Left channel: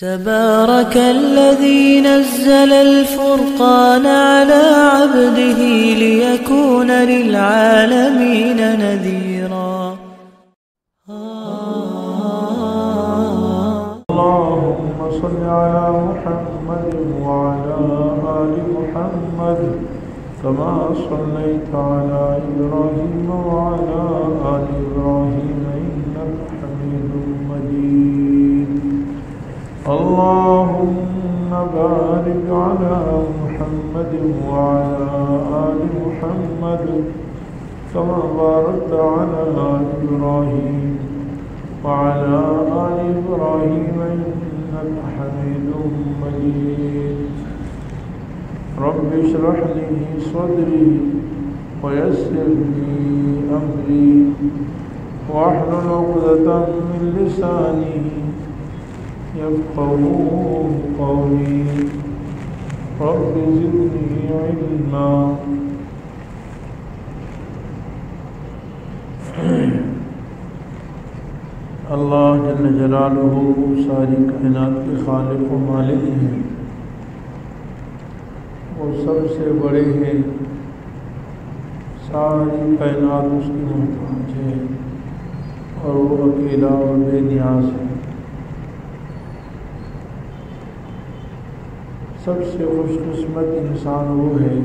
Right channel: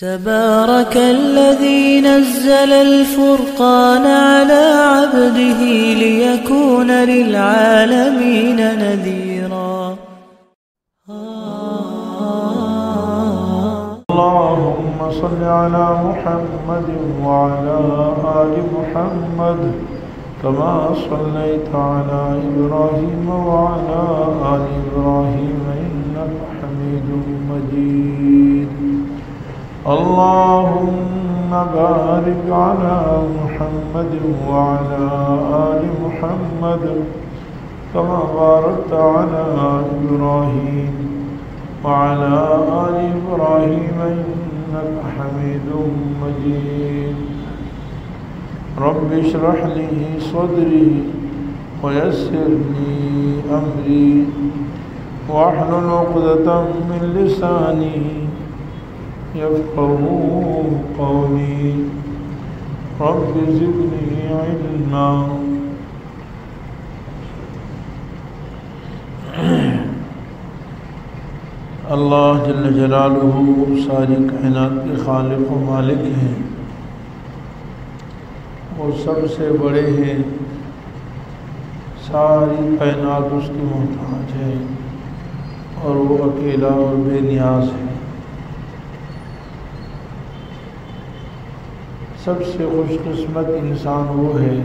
تبارك الذي نزل الفرقان على عبده ليكون للعالمين نذيرا. اللهم صل على محمد وعلى آل محمد كما صليت على إبراهيم وعلى آل إبراهيم إنك حميد مجيد. اللهم بارك على محمد وعلى آل محمد كما باركت على إبراهيم وعلى آل إبراهيم إنك حميد مجيد. رب اشرح لي صدري ويسر لي أمري واحلل عقدة من لساني يفقهوا قولي. رب زدني علما. اللہ جل جلالہ ساری کائنات کے خالق و مالک ہیں، وہ سب سے بڑے ہیں، ساری کائنات اس کی محتاج ہے اور وہ اکیلا اور بے نیاز ہے۔ سب سے خوش قسمت انسان وہ ہے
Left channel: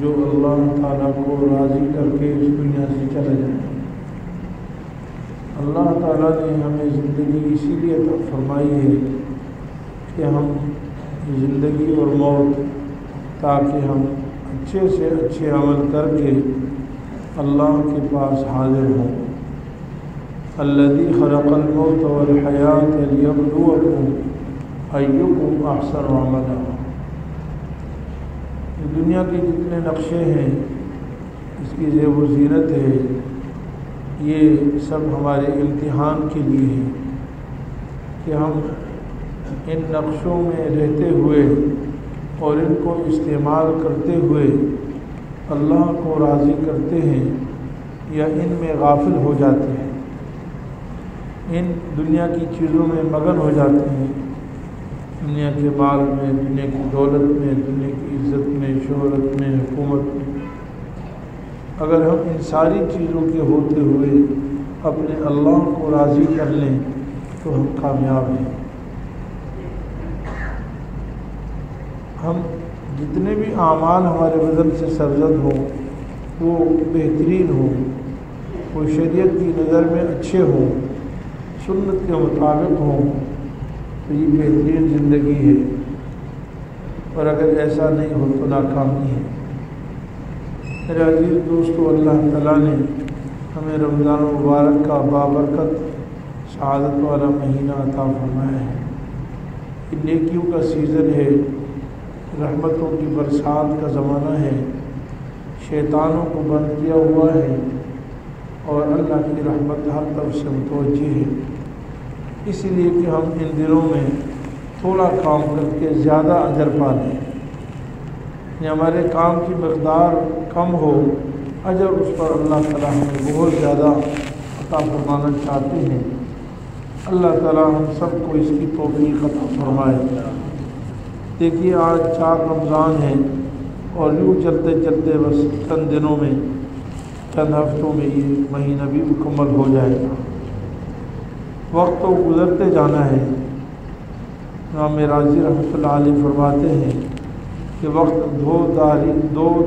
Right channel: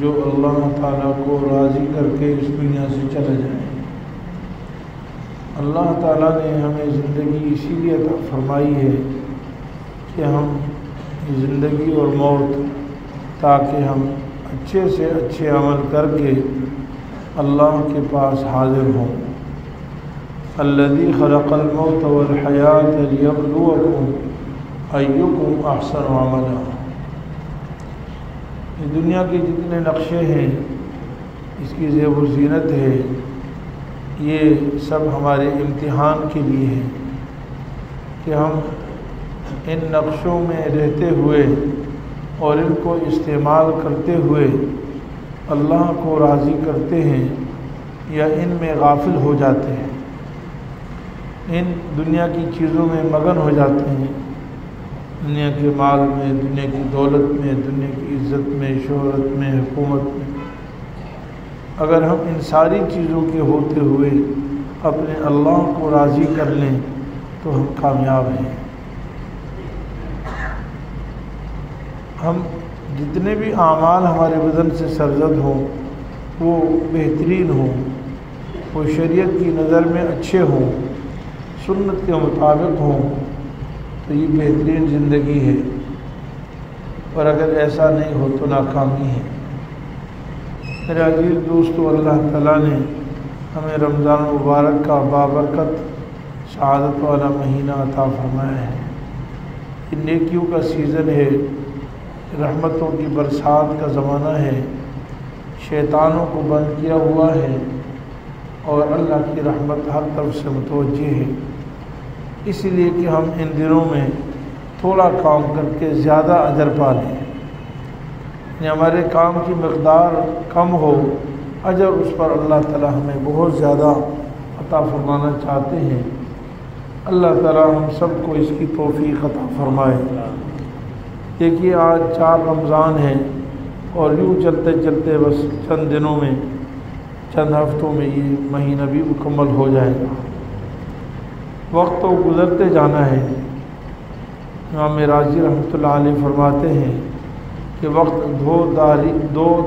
جو اللہ تعالیٰ کو راضی کر کے اس دنیا سے چلا جائے۔ اللہ تعالیٰ نے ہمیں زندگی اسی لیے عطا فرمائی ہے کہ ہم زندگی اور موت تاکہ ہم اچھے سے اچھے عمل کر کے اللہ کے پاس حاضر ہوں۔ الذی خلق الموت والحیاۃ لیبلوکم ایکم احسن عملا۔ یہ دنیا کے جتنے نقشے ہیں، اس کی زیب و زینت ہے، یہ سب ہمارے امتحان کے لیے ہے کہ ہم ان نقشوں میں رہتے ہوئے اور ان کو استعمال کرتے ہوئے اللہ کو راضی کرتے ہیں یا ان میں غافل ہو جاتے ہیں، ان دنیا کی چیزوں میں مگن ہو جاتے ہیں، دنیا کے مال میں، دنیا کی دولت میں، دنیا کی عزت میں، شہرت میں، حکومت میں۔ اگر ہم ان ساری چیزوں کے ہوتے ہوئے اپنے اللہ کو راضی کر لیں تو ہم کامیاب ہیں۔ ہم جتنے بھی اعمال ہمارے بدن سے سرزد ہوں وہ بہترین ہوں، وہ شریعت کی نظر میں اچھے ہوں، سنت کے مطابق ہوں، تو یہ بہترین زندگی ہے، اور اگر ایسا نہیں ہو تو ناکامی ہے۔ میرے عزیز دوستو، اللہ تعالیٰ نے ہمیں رمضان مبارک کا بابرکت سعادت والا مہینہ عطا فرمایا ہے۔ یہ نیکیوں کا سیزن ہے، رحمتوں کی برسات کا زمانہ ہے، شیطانوں کو بند کیا ہوا ہے اور اللہ کی رحمت ہر طرف سے متوجہ ہے۔ اسی لیے کہ ہم ان دنوں میں تھوڑا کام کر کے زیادہ اجر پا لیں، ہمارے کام کی مقدار کم ہو، اجر اس پر اللہ تعالیٰ ہمیں بہت زیادہ عطا فرمانا چاہتے ہیں۔ اللہ تعالیٰ ہم سب کو اس کی توفیق عطا فرمائے۔ دیکھیے آج 4 رمضان ہیں اور یوں چلتے چلتے بس چند دنوں میں، چند ہفتوں میں یہ مہینہ بھی مکمل ہو جائے۔ وقت تو گزرتے جانا ہے۔ امام راضی رحمۃ اللہ علیہ فرماتے ہیں کہ وقت دو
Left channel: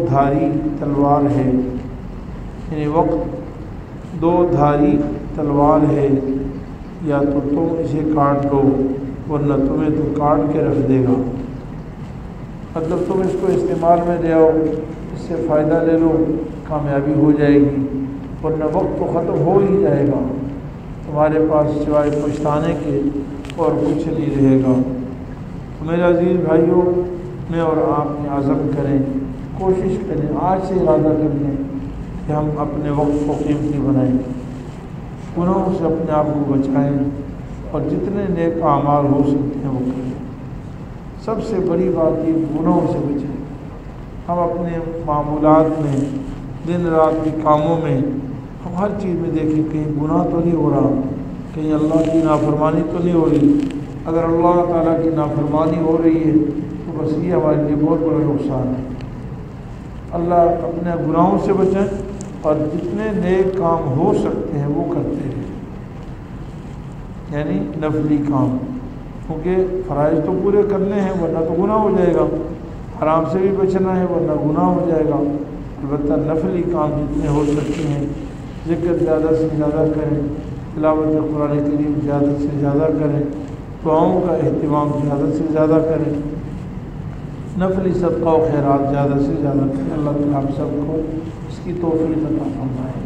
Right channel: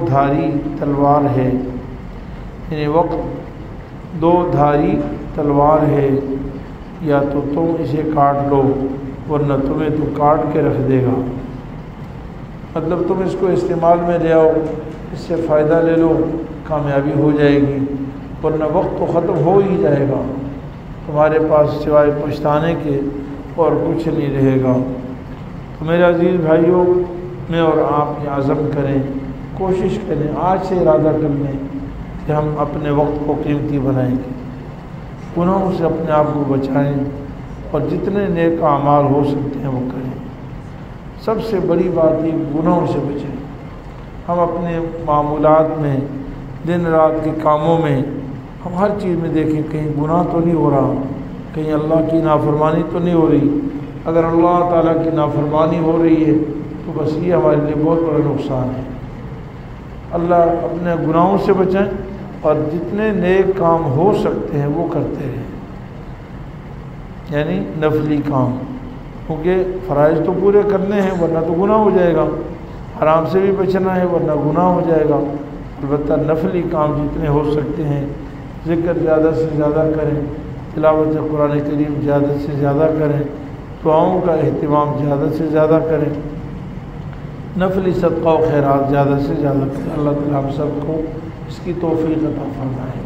دھاری تلوار ہے، یعنی وقت 2 دھاری تلوار ہے، یا تو تم اسے کاٹ لو ورنہ تمہیں تو کاٹ کے رکھ دے گا۔ مطلب تم اس کو استعمال میں لے آؤ، اس سے فائدہ لے لو، کامیابی ہو جائے گی، ورنہ وقت تو ختم ہو ہی جائے گا، تمہارے پاس سوائے پچھتانے کے اور کچھ نہیں رہے گا۔ تو میرے عزیز بھائیوں، میں اور آپ یہ عزم کریں، کوشش کریں، آج سے ارادہ کر لیں کہ ہم اپنے وقت کو قیمتی بنائیں گے، گناہوں سے اپنے آپ کو بچائیں اور جتنے نیک اعمال ہو سکتے ہیں وہ کریں۔ سب سے بڑی بات یہ گناہوں سے بچیں۔ ہم اپنے معمولات میں، دن رات کے کاموں میں، ہم ہر چیز میں دیکھیں کہیں گناہ تو نہیں ہو رہا، کہیں اللہ کی نافرمانی تو نہیں ہو رہی، اگر اللہ تعالیٰ کی نافرمانی ہو رہی ہے تو بس یہ ہمارے لیے بہت بڑا نقصان ہے۔ اللہ اپنے گناہوں سے بچائیں اور جتنے نیک کام ہو سکتے ہیں وہ کرتے ہیں، یعنی نفلی کام، کیونکہ فرائض تو پورے کرنے ہیں ورنہ تو گناہ ہو جائے گا، حرام سے بھی بچنا ہے ورنہ گناہ ہو جائے گا۔ البتہ نفلی کام جتنے ہو سکتے ہیں، ذکر زیادہ سے زیادہ کریں، تلاوت قرآن کریم زیادہ سے زیادہ کریں، دعاؤں کا اہتمام زیادہ سے زیادہ کریں، نفلی صدقہ و خیرات زیادہ سے زیادہ کریں۔ اللہ تعالیٰ ہم سب کو اس کی توفیق عطا فرمائے۔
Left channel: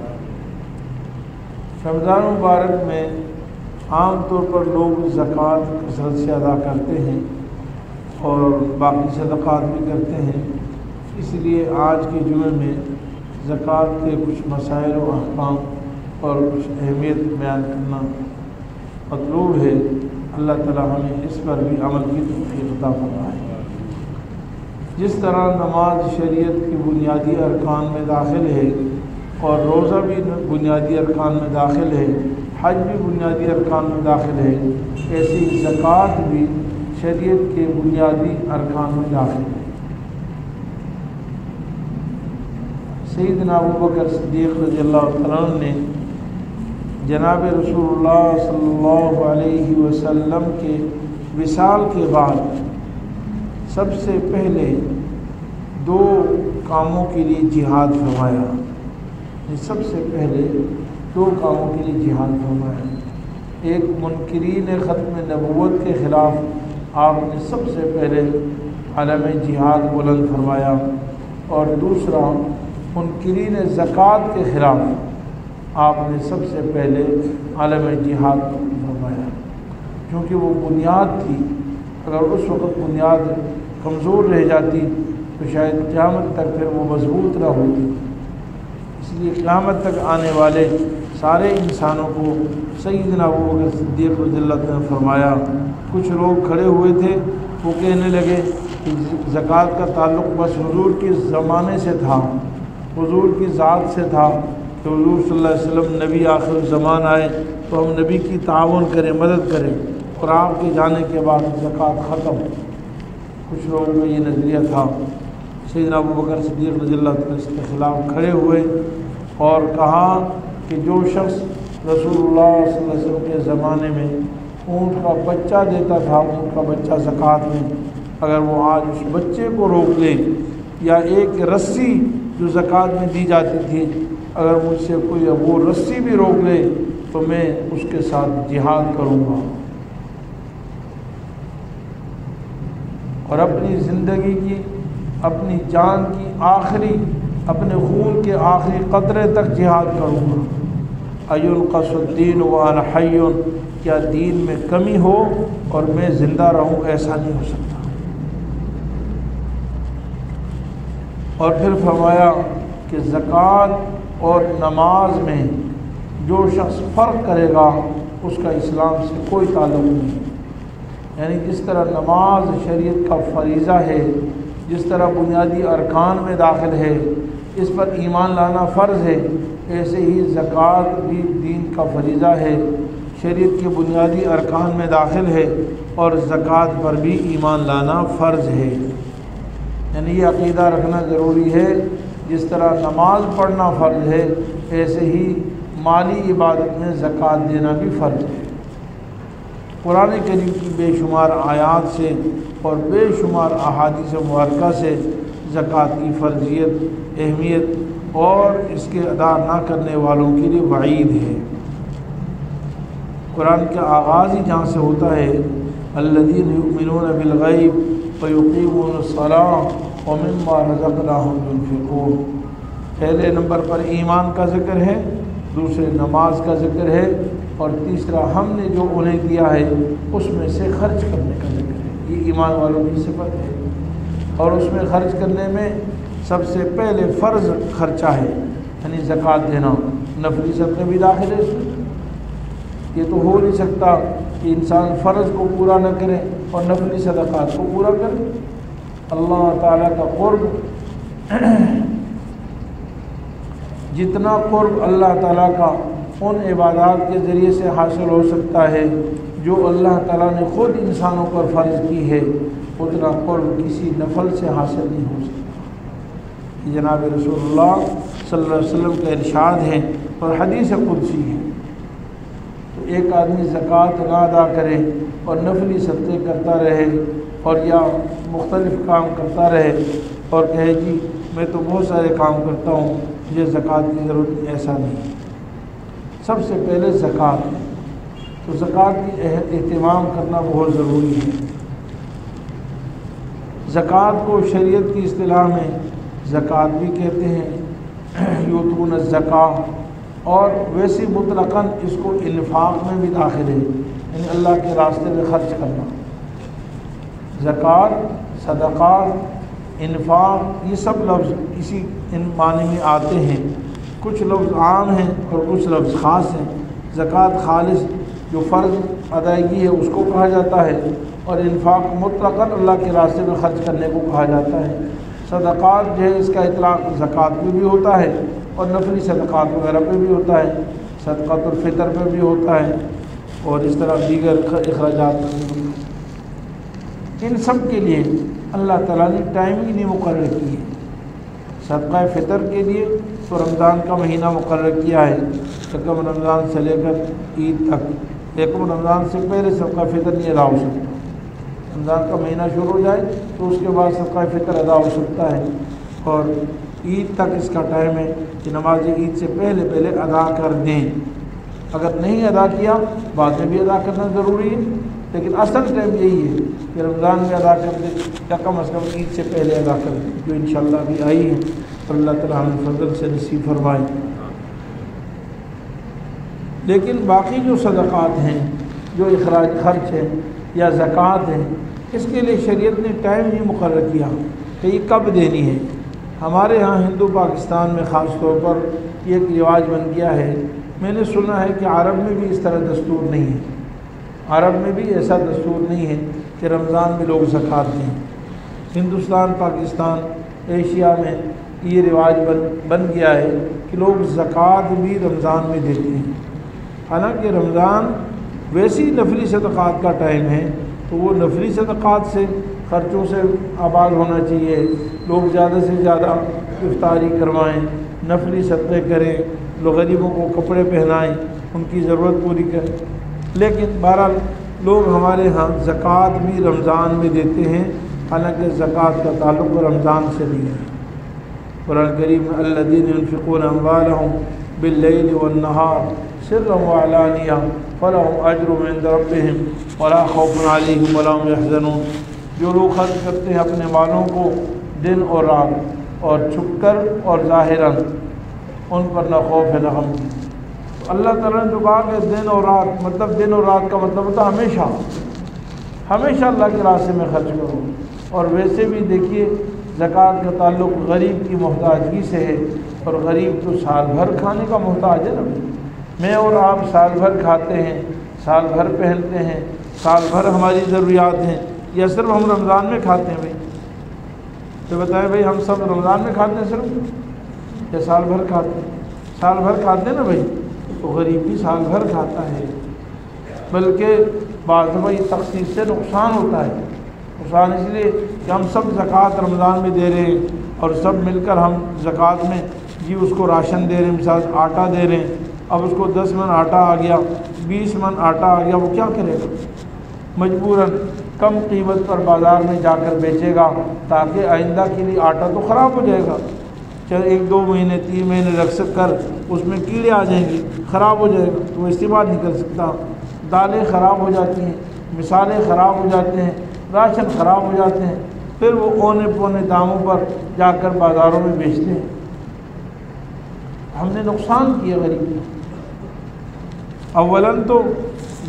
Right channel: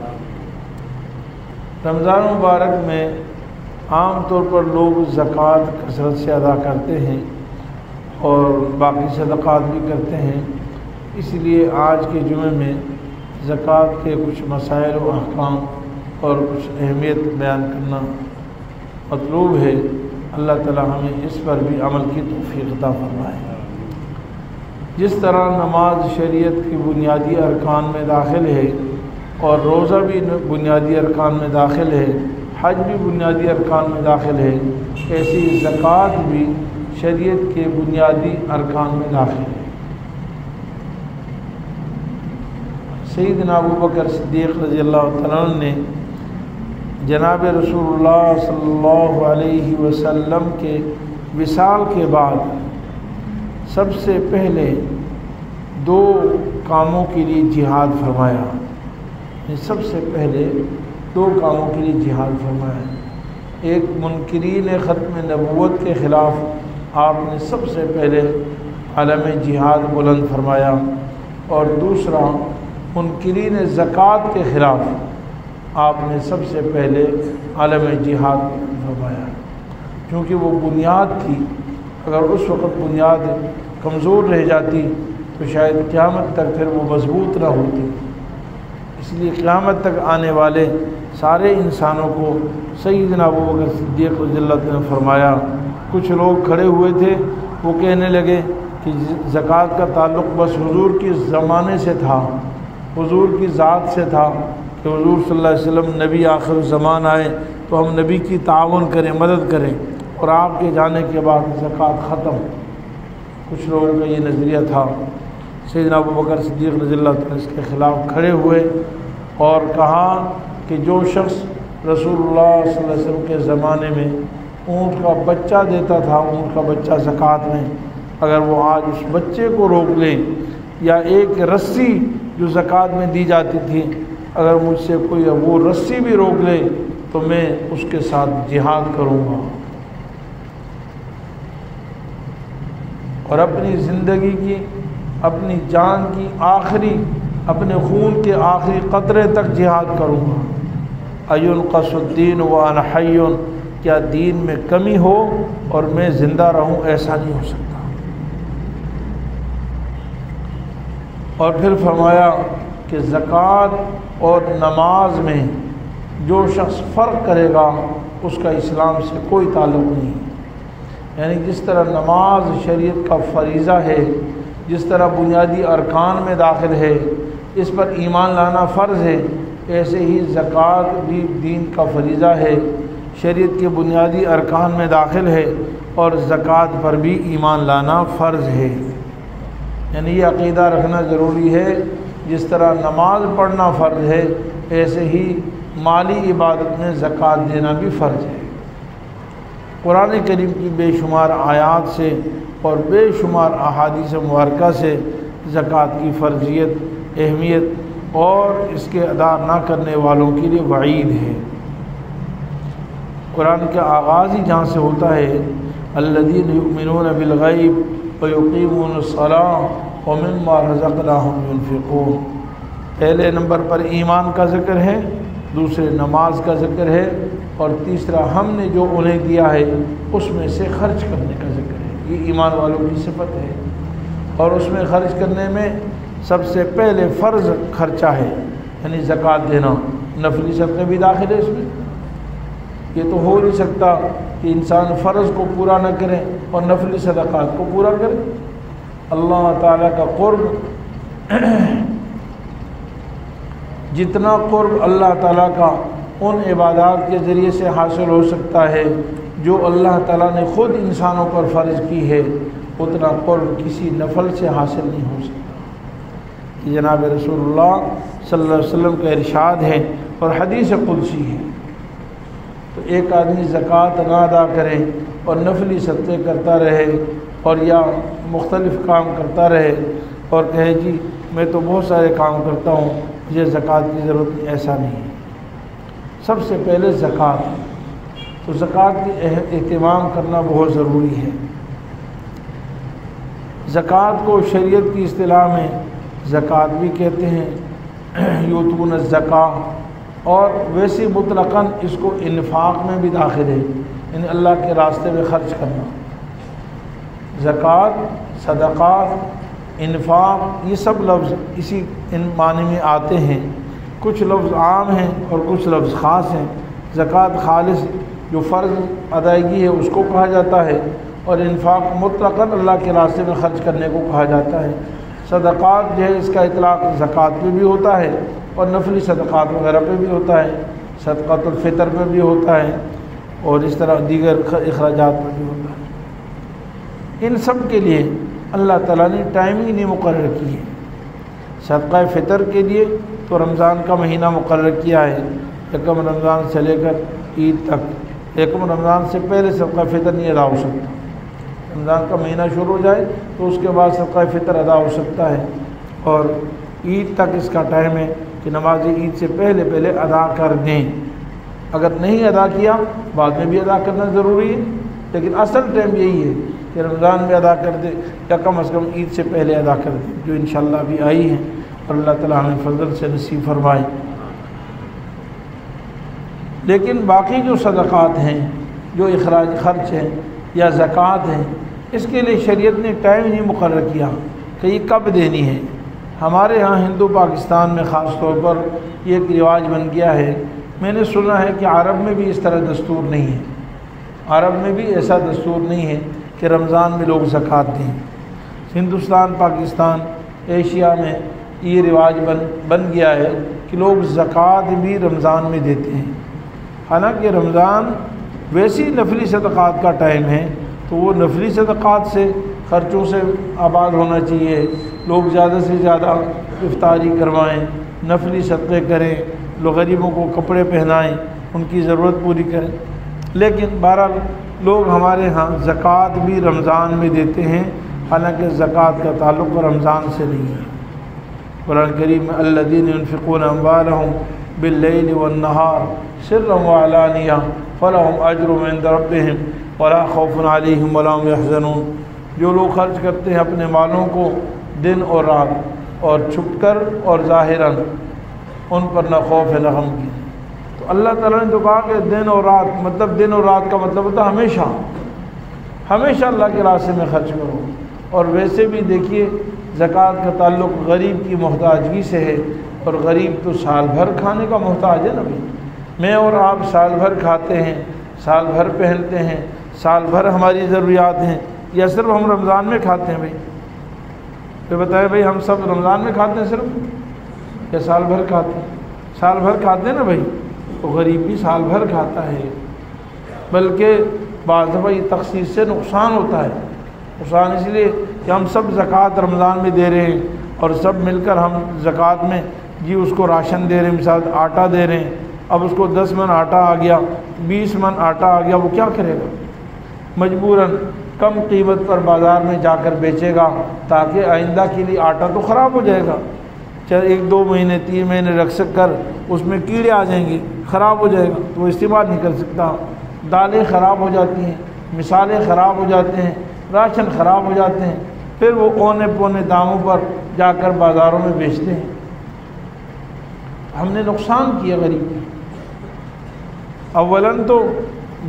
رمضان مبارک میں عام طور پر لوگ زکوٰۃ کثرت سے ادا کرتے ہیں اور باقی صدقات بھی کرتے ہیں، اس لیے آج کے جمعے میں زکوٰۃ کے کچھ مسائل و احکام اور کچھ اہمیت بیان کرنا مطلوب ہے۔ اللہ تعالیٰ ہمیں اس پر بھی عمل کی توفیق عطا فرمائے۔ جس طرح نماز شریعت کی بنیادی ارکان میں داخل ہے اور روزہ بھی بنیادی ارکان میں داخل ہے، حج بھی بنیادی ارکان میں داخل ہے، ایسی زکوٰۃ بھی شریعت کے بنیادی ارکان میں داخل ہے۔ سیدنا ابوبکر صدیق رضی اللہ تعالیٰ عنہ نے جناب رسول اللہ صلی اللہ علیہ وسلم کے وصال کے بعد سب سے پہلے 2 کاموں کے لیے جہاد فرمایا، سب سے پہلے 2 کاموں کے لیے جہاد فرمایا۔ ایک منکرین ختم نبوت کے خلاف آپ نے سب سے پہلے علم جہاد بلند فرمایا، اور دوسرا منکرین زکوٰۃ کے خلاف آپ نے سب سے پہلے علم جہاد فرمایا، کیونکہ وہ بنیاد تھی۔ اگر اس وقت بنیاد کمزور رہ جاتی تو شاید قیامت تک پھر وہ مضبوط نہ ہوتی، اس لیے قیامت تک آنے والے سارے انسانوں کو سیدنا ابوبکر صدیق رضی اللہ عنہ نے فرمایا۔ کچھ لوگ کھڑے ہوئے تھے، وہ کہنے لگے کہ زکوٰۃ کا تعلق بس حضور کے زمانے سے تھا، حضور کی ذات سے تھا کہ حضور صلی اللہ علیہ وسلم نبی آخر الزمان آئے تو ہم نبی کی تعاون کریں، مدد کریں، اور آپ کے جانے کے بعد زکوٰۃ ختم۔ کچھ لوگوں کا یہ نظریہ تھا۔ سیدنا ابوبکر صدیق رضی اللہ عنہ اس کے خلاف کھڑے ہوئے اور کہا کہ جو شخص رسول اللہ صلی اللہ علیہ وسلم کے زمانے میں اونٹ کا بچہ دیتا تھا، اونٹ کا بچہ زکوٰۃ میں، اگر وہ آج اس بچے کو روک لے یا ایک رسی جو زکوٰۃ میں دی جاتی تھی اگر مجھ سے کوئی وہ رسی بھی روک لے تو میں اس کے ساتھ جہاد کروں گا، اور اپنی زندگی کی، اپنی جان کی آخری، اپنے خون کے آخری قطرے تک جہاد کروں گا۔ اَيُنْقَصُ الدِّينُ وَأَنَا حَيٌّ، کیا دین میں کمی ہو اور میں زندہ رہوں؟ ایسا نہیں ہو سکتا۔ اور پھر فرمایا کہ زکوٰۃ اور نماز میں جو شخص فرق کرے گا اس کا اسلام سے کوئی تعلق نہیں، یعنی جس طرح نماز شریعت کا فریضہ ہے، جس طرح بنیادی ارکان میں داخل ہے، اس پر ایمان لانا فرض ہے، ایسے ہی زکوٰۃ بھی دین کا فریضہ ہے، شریعت کے بنیادی ارکان میں داخل ہے، اور زکوٰۃ پر بھی ایمان لانا فرض ہے۔ یعنی یہ عقیدہ رکھنا ضروری ہے، جس طرح نماز پڑھنا فرض ہے ایسے ہی مالی عبادت میں زکوٰۃ دینا بھی فرض ہے۔ قرآن کریم کی بے شمار آیات سے اور بے شمار احادیث مبارکہ سے زکوٰۃ کی فرضیت، اہمیت اور اس کے ادا نہ کرنے والوں کے لیے وعید ہے۔ قرآن کا آغاز ہی جہاں سے ہوتا ہے الذین یؤمنون بالغیب ویقیمون الصلاۃ ومما رزقناہم ينفقون۔ پہلے نمبر پر ایمان کا ذکر ہے، دوسرے نماز کا ذکر ہے، اور تیسرا ہم نے جو انہیں دیا ہے اس میں سے خرچ کرنے کا ذکر ہے۔ یہ ایمان والوں کی صفت ہے، اور اس میں خرچ کرنے میں سب سے پہلے فرض خرچہ ہے، یعنی زکوٰۃ دینا۔ نفلی صدقے بھی داخل ہے اس میں۔ یہ تو ہو نہیں سکتا کہ انسان فرض کو پورا نہ کرے اور نفلی صدقات کو پورا کرے۔ اللہ تعالیٰ کا قرب، جتنا قرب اللہ تعالیٰ کا ان عبادات کے ذریعے سے حاصل ہو سکتا ہے جو اللہ تعالیٰ نے خود انسانوں پر فرض کی ہے اتنا قرب کسی نفل سے حاصل نہیں ہو سکتا. جناب رسول اللہ صلی اللہ علیہ وسلم کا ارشاد ہے اور حدیث قدسی ہے. تو ایک آدمی زکوٰۃ نہ ادا کرے اور نفلی صدقے کرتا رہے اور یا مختلف کام کرتا رہے اور کہے جی میں تو بہت سارے کام کرتا ہوں مجھے زکوٰۃ کی ضرورت نہیں، ایسا نہیں ہے. سب سے پہلے زکوٰۃ، تو زکوٰۃ کی اہتمام کرنا بہت ضروری ہے. زکوٰۃ کو شریعت کی اصطلاح میں زکوٰۃ بھی کہتے ہیں، یؤتون الزکاۃ، اور ویسے مطلقاً اس کو انفاق میں بھی داخل ہے، یعنی اللہ کے راستے میں خرچ کرنا. زکوٰۃ، صدقات، انفاق، یہ سب لفظ اسی معنی میں آتے ہیں. کچھ لفظ عام ہیں اور کچھ لفظ خاص ہیں. زکوٰۃ خالص جو فرض ادائیگی ہے اس کو کہا جاتا ہے، اور انفاق مطلقاً اللہ کے راستے میں خرچ کرنے کو کہا جاتا ہے. صدقات جو ہے اس کا اطلاق زکوٰۃ پہ بھی ہوتا ہے اور نفلی صدقات وغیرہ پہ بھی ہوتا ہے، صدقۃ الفطر پہ بھی ہوتا ہے، اور اس طرح دیگر اخراجات پہ بھی ہوتا ہے. ان سب کے لیے اللہ تعالیٰ نے ٹائم ہی نہیں مقرر کی ہے. صدقہ فطر کے لیے تو رمضان کا مہینہ مقرر کیا ہے، یکم رمضان سے لے کر عید تک. یکم رمضان سے پہلے صدقہ فطر نہیں ادا ہو سکتا. رمضان کا مہینہ شروع ہو جائے تو اس کے بعد صدقہ فطر ادا ہو سکتا ہے، اور عید تک اس کا ٹائم ہے کہ نماز عید سے پہلے ادا کر دیں. اگر نہیں ادا کیا بعد میں بھی ادا کرنا ضروری ہے، لیکن اصل ٹائم یہی ہے کہ رمضان میں ادا کر دیں یا کم از کم عید سے پہلے ادا کر دیں، جو انشاءاللہ ابھی آئی ہے. اور اللہ تعالیٰ ہمیں فضل سے نصیب فرمائے. لیکن باقی جو صدقات ہیں، جو اخراج خرچ ہیں یا زکوٰۃ ہیں، اس کے لیے شریعت نے ٹائم نہیں مقرر کیا کہ یہ کب دینی ہے. ہمارے ہاں ہندو پاکستان میں خاص طور پر یہ ایک رواج بن گیا ہے. میں نے سنا ہے کہ عرب میں بھی اس طرح دستور نہیں ہے. عرب میں بھی ایسا دستور نہیں ہے کہ رمضان میں لوگ زکوٰۃ دیں. ہندوستان، پاکستان، ایشیا میں یہ رواج بن گیا ہے کہ لوگ زکوٰۃ بھی رمضان میں دیتے ہیں. حالانکہ رمضان ویسی نفلی صدقات کا ٹائم ہے، تو وہ نفلی صدقات سے خرچوں سے آباد ہونا چاہیے. لوگ زیادہ سے زیادہ افطاری کروائیں، نفلی صدقے کریں، لوگ غریبوں کو کپڑے پہنائیں، ان کی ضرورت پوری کریں. لیکن بہرحال لوگ ہمارے ہاں زکوٰۃ بھی رمضان میں دیتے ہیں، حالانکہ زکوٰۃ کا تعلق رمضان سے نہیں ہے. قرآن کریم میں الذین ينفقون اموالهم باللیل والنہار سرا وعلانیہ فلہم اجر عند ربہم ولا خوف علیہم ولا هم يحزنون. جو لوگ خرچ کرتے ہیں اپنے مالوں کو دن اور رات، اور چھپ کر اور ظاہراً، ان پر نہ خوف ہے نہ غم کی. اللہ تعالیٰ نے تو کہا کہ دن اور رات، مطلب دن اور رات کا مطلب ہوتا ہے ہمیشہ اللہ کے راستے میں خرچ کرو. اور ویسے بھی دیکھیے زکوٰۃ کا تعلق غریب کی محتاجگی سے ہے، اور غریب تو سال بھر کھانے کا محتاج ہے نا بھائی. میں اور آپ سال بھر کھاتے ہیں، سال بھر پہنتے ہیں، سال بھر ہماری ضروریات ہیں، یا صرف ہم رمضان میں کھاتے ہیں؟ بھائی تو بتائیں بھائی، ہم سب رمضان میں کھاتے ہیں صرف، یا سال بھر کھاتے ہیں؟ سال بھر کھاتے ہیں نا بھائی. تو غریب بھی سال بھر کھاتا ہے، بلکہ بعض دفعہ یہ تخصیص سے نقصان ہوتا ہے. نقصان اس لیے کہ ہم سب زکوٰۃ رمضان میں دے رہے ہیں، اور سب مل کر ہم زکوٰۃ میں جی اس کو راشن دے رہے ہیں، مثال آٹا دے رہے ہیں. اب اس کو 10 من آٹا آ گیا، 20 من آٹا آ گیا، وہ کیا کرے گا؟ مجبوراً کم قیمت پر بازار میں جا کر بیچے گا، تاکہ آئندہ کے لیے آٹا تو خراب ہو جائے گا. چاہے 1-2 مہینے 3 مہینے رکھ سک کر اس میں کیڑے آ جائیں گے، خراب ہو جائے گا، وہ استعمال نہیں کر سکتا. دالیں خراب ہو جاتی ہیں، مثالیں خراب ہو جاتے ہیں، راشن خراب ہو جاتے ہیں، پھر وہ اونے پونے داموں پر جا کر بازاروں میں بیچتے ہیں. ہم نے نقصان کیا غریب کا. اولاً تو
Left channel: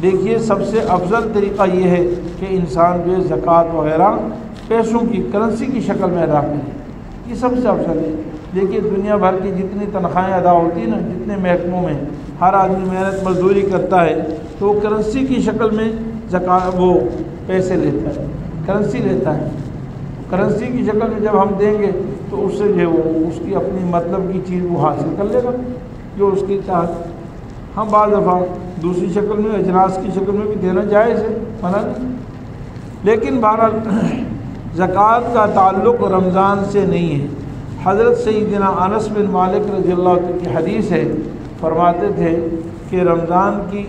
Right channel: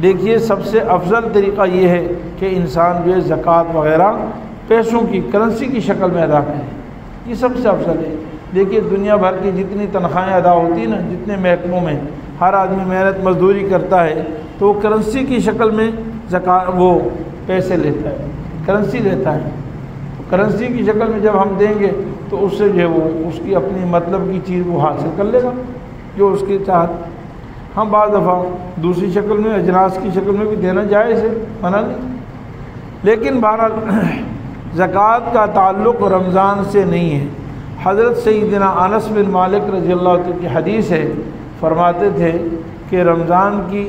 دیکھیے سب سے افضل طریقہ یہ ہے کہ انسان جو ہے زکوٰۃ وغیرہ پیسوں کی، کرنسی کی شکل میں ادا کرے. یہ سب سے افضل ہے. دیکھیے دنیا بھر کی جتنی تنخواہیں ادا ہوتی ہیں نا، جتنے محکموں میں ہر آدمی محنت مزدوری کرتا ہے، تو وہ کرنسی کی شکل میں زکوٰۃ وہ پیسے لیتا ہے، کرنسی لیتا ہے. کرنسی کی شکل میں جب ہم دیں گے تو اس سے جو ہے وہ اس کی اپنی مطلب کی چیز وہ حاصل کر لے گا جو اس کی چاہت. ہاں بعض دفعہ دوسری شکل میں اجناس کی شکل میں بھی دینا جائز ہے، منع نہیں، لیکن بہرحال زکوٰۃ کا تعلق رمضان سے نہیں ہے۔ حضرت سیدنا انس بن مالک رضی اللہ عنہ کی حدیث ہے، فرماتے تھے کہ رمضان کی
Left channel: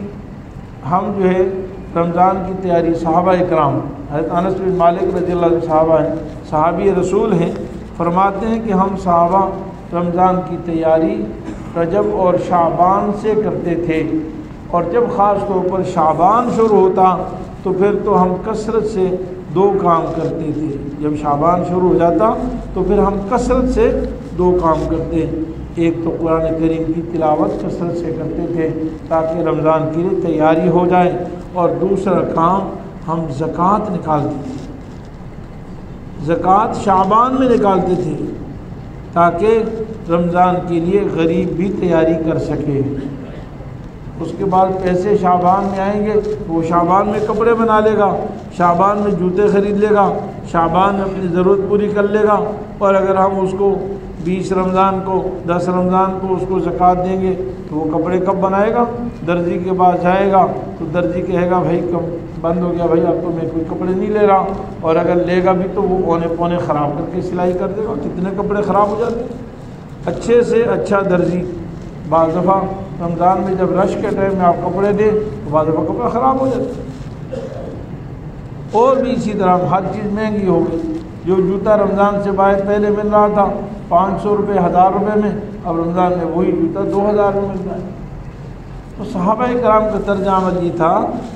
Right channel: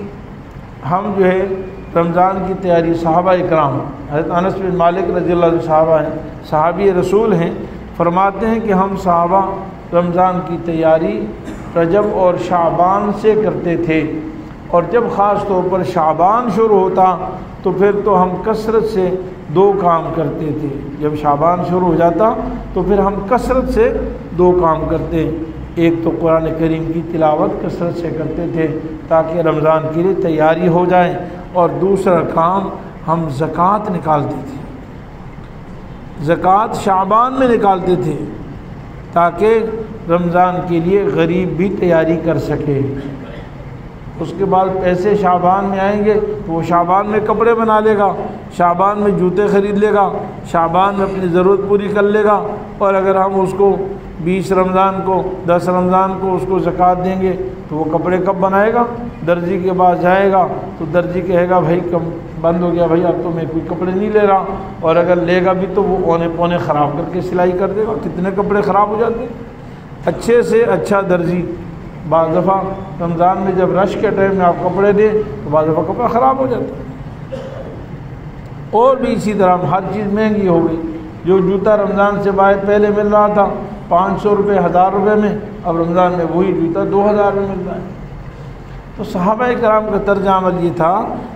ہم جو ہے رمضان کی تیاری صحابہ اکرام، حضرت انس بن مالک رضی اللہ عنہ صحابہ ہیں، صحابی رسول ہیں، فرماتے ہیں کہ ہم صحابہ رمضان کی تیاری رجب اور شعبان سے کرتے تھے، اور جب خاص طور پر شعبان شروع ہوتا تو پھر تو ہم کثرت سے 2 کام کرتے تھے۔ جب شعبان شروع ہو جاتا تو پھر ہم کثرت سے 2 کام کرتے، ایک تو قرآن کریم کی تلاوت کثرت سے کرتے تھے تاکہ رمضان کے لیے تیاری ہو جائے، اور دوسرا کام ہم زکوٰۃ نکالتے تھے، زکوٰۃ شعبان میں نکالتے تھے تاکہ رمضان کے لیے غریب بھی تیاری کر سکے۔ اس کے بعد پیسے شعبان میں آئیں گے تو وہ شعبان میں کپڑے بنا لے گا، شعبان میں جوتے خرید لے گا، شعبان میں اپنی ضرورت پوری کر لے گا، اور اگر ہم اس کو 20 رمضان کو 10 رمضان کو اس کو زکوٰۃ دیں گے تو وہ کپڑے کب بنائے گا؟ درزی کے پاس جائے گا تو درزی کہے گا بھائی کب بند ہو گیا بھائی، اب تو میں کوئی کپڑے نہیں لے رہا، اور اگر لے گا بھی تو وہ پونے پونے خراب کر کے سلائی کر دے گا، کتنے کپڑے خراب ہو جاتے ہیں۔ اچھے سے اچھا درزی بعض دفعہ رمضان میں جب رش کے ٹائم میں آپ کپڑے دیں تو بعض دفعہ کپڑا خراب ہو جاتا ہے، اور بھی اسی طرح ہر چیز مہنگی ہو گئی۔ جو جوتا رمضان سے باہر پہلے مل رہا تھا 500 روپے 1000 روپے میں، اب رمضان میں وہی جوتا 2000 میں ملتا ہے۔ تو صحابہ کرام کا طرز عمل یہ تھا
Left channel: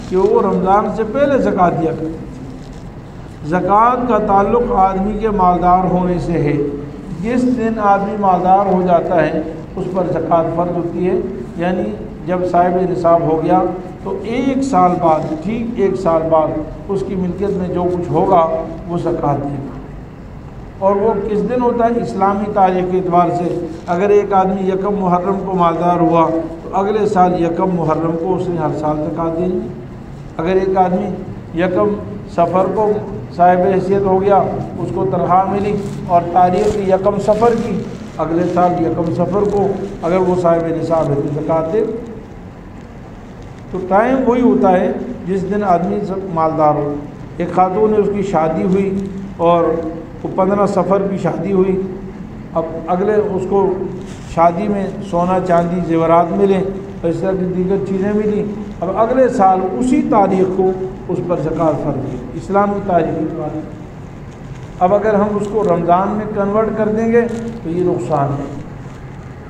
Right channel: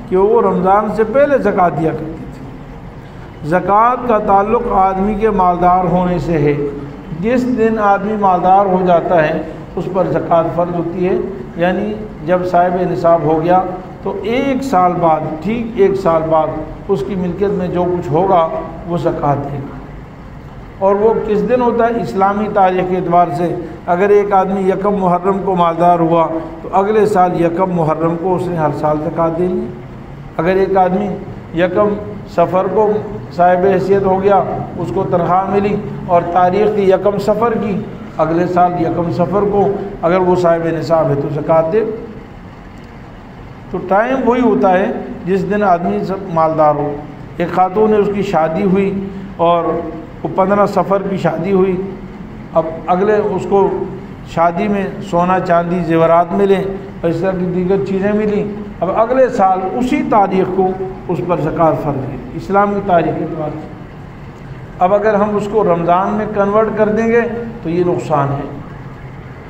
کہ وہ رمضان سے پہلے زکوٰۃ دیا کرتے تھے۔ زکوٰۃ کا تعلق آدمی کے مالدار ہونے سے ہے، جس دن آدمی مالدار ہو جاتا ہے اس پر زکوٰۃ فرض ہوتی ہے، یعنی جب صاحب نصاب ہو گیا تو 1 سال بعد، ٹھیک 1 سال بعد اس کی ملکیت میں جو کچھ ہوگا وہ زکوٰۃ دے گا۔ اور وہ کس دن ہوتا ہے؟ اسلامی تاریخ کے اعتبار سے اگر ایک آدمی 1 محرم کو مالدار ہوا تو اگلے سال 1 محرم کو اس نے ہر سال زکوٰۃ دینی۔ اگر ایک آدمی 1 صفر کو صاحب حیثیت ہو گیا، اس کو تنخواہ ملی اور تاریخ 1 صفر کی، اگلے سال 1 صفر کو اگر وہ صاحب نصاب ہے تو زکوٰۃ دے۔ تو ٹائم وہی ہوتا ہے جس دن آدمی مالدار ہو۔ ایک خاتون نے اس کی شادی ہوئی اور وہ 15 صفر کی شادی ہوئی، اب اگلے اس کو شادی میں سونا چاندی زیورات ملے، اس طرح کی دیگر چیزیں ملی، اب اگلے سال اسی تاریخ کو اس پر زکوٰۃ فرض ہے اسلامی تاریخ کے بعد۔ اب اگر ہم اس کو رمضان میں کنورٹ کر دیں گے تو یہ نقصان ہے،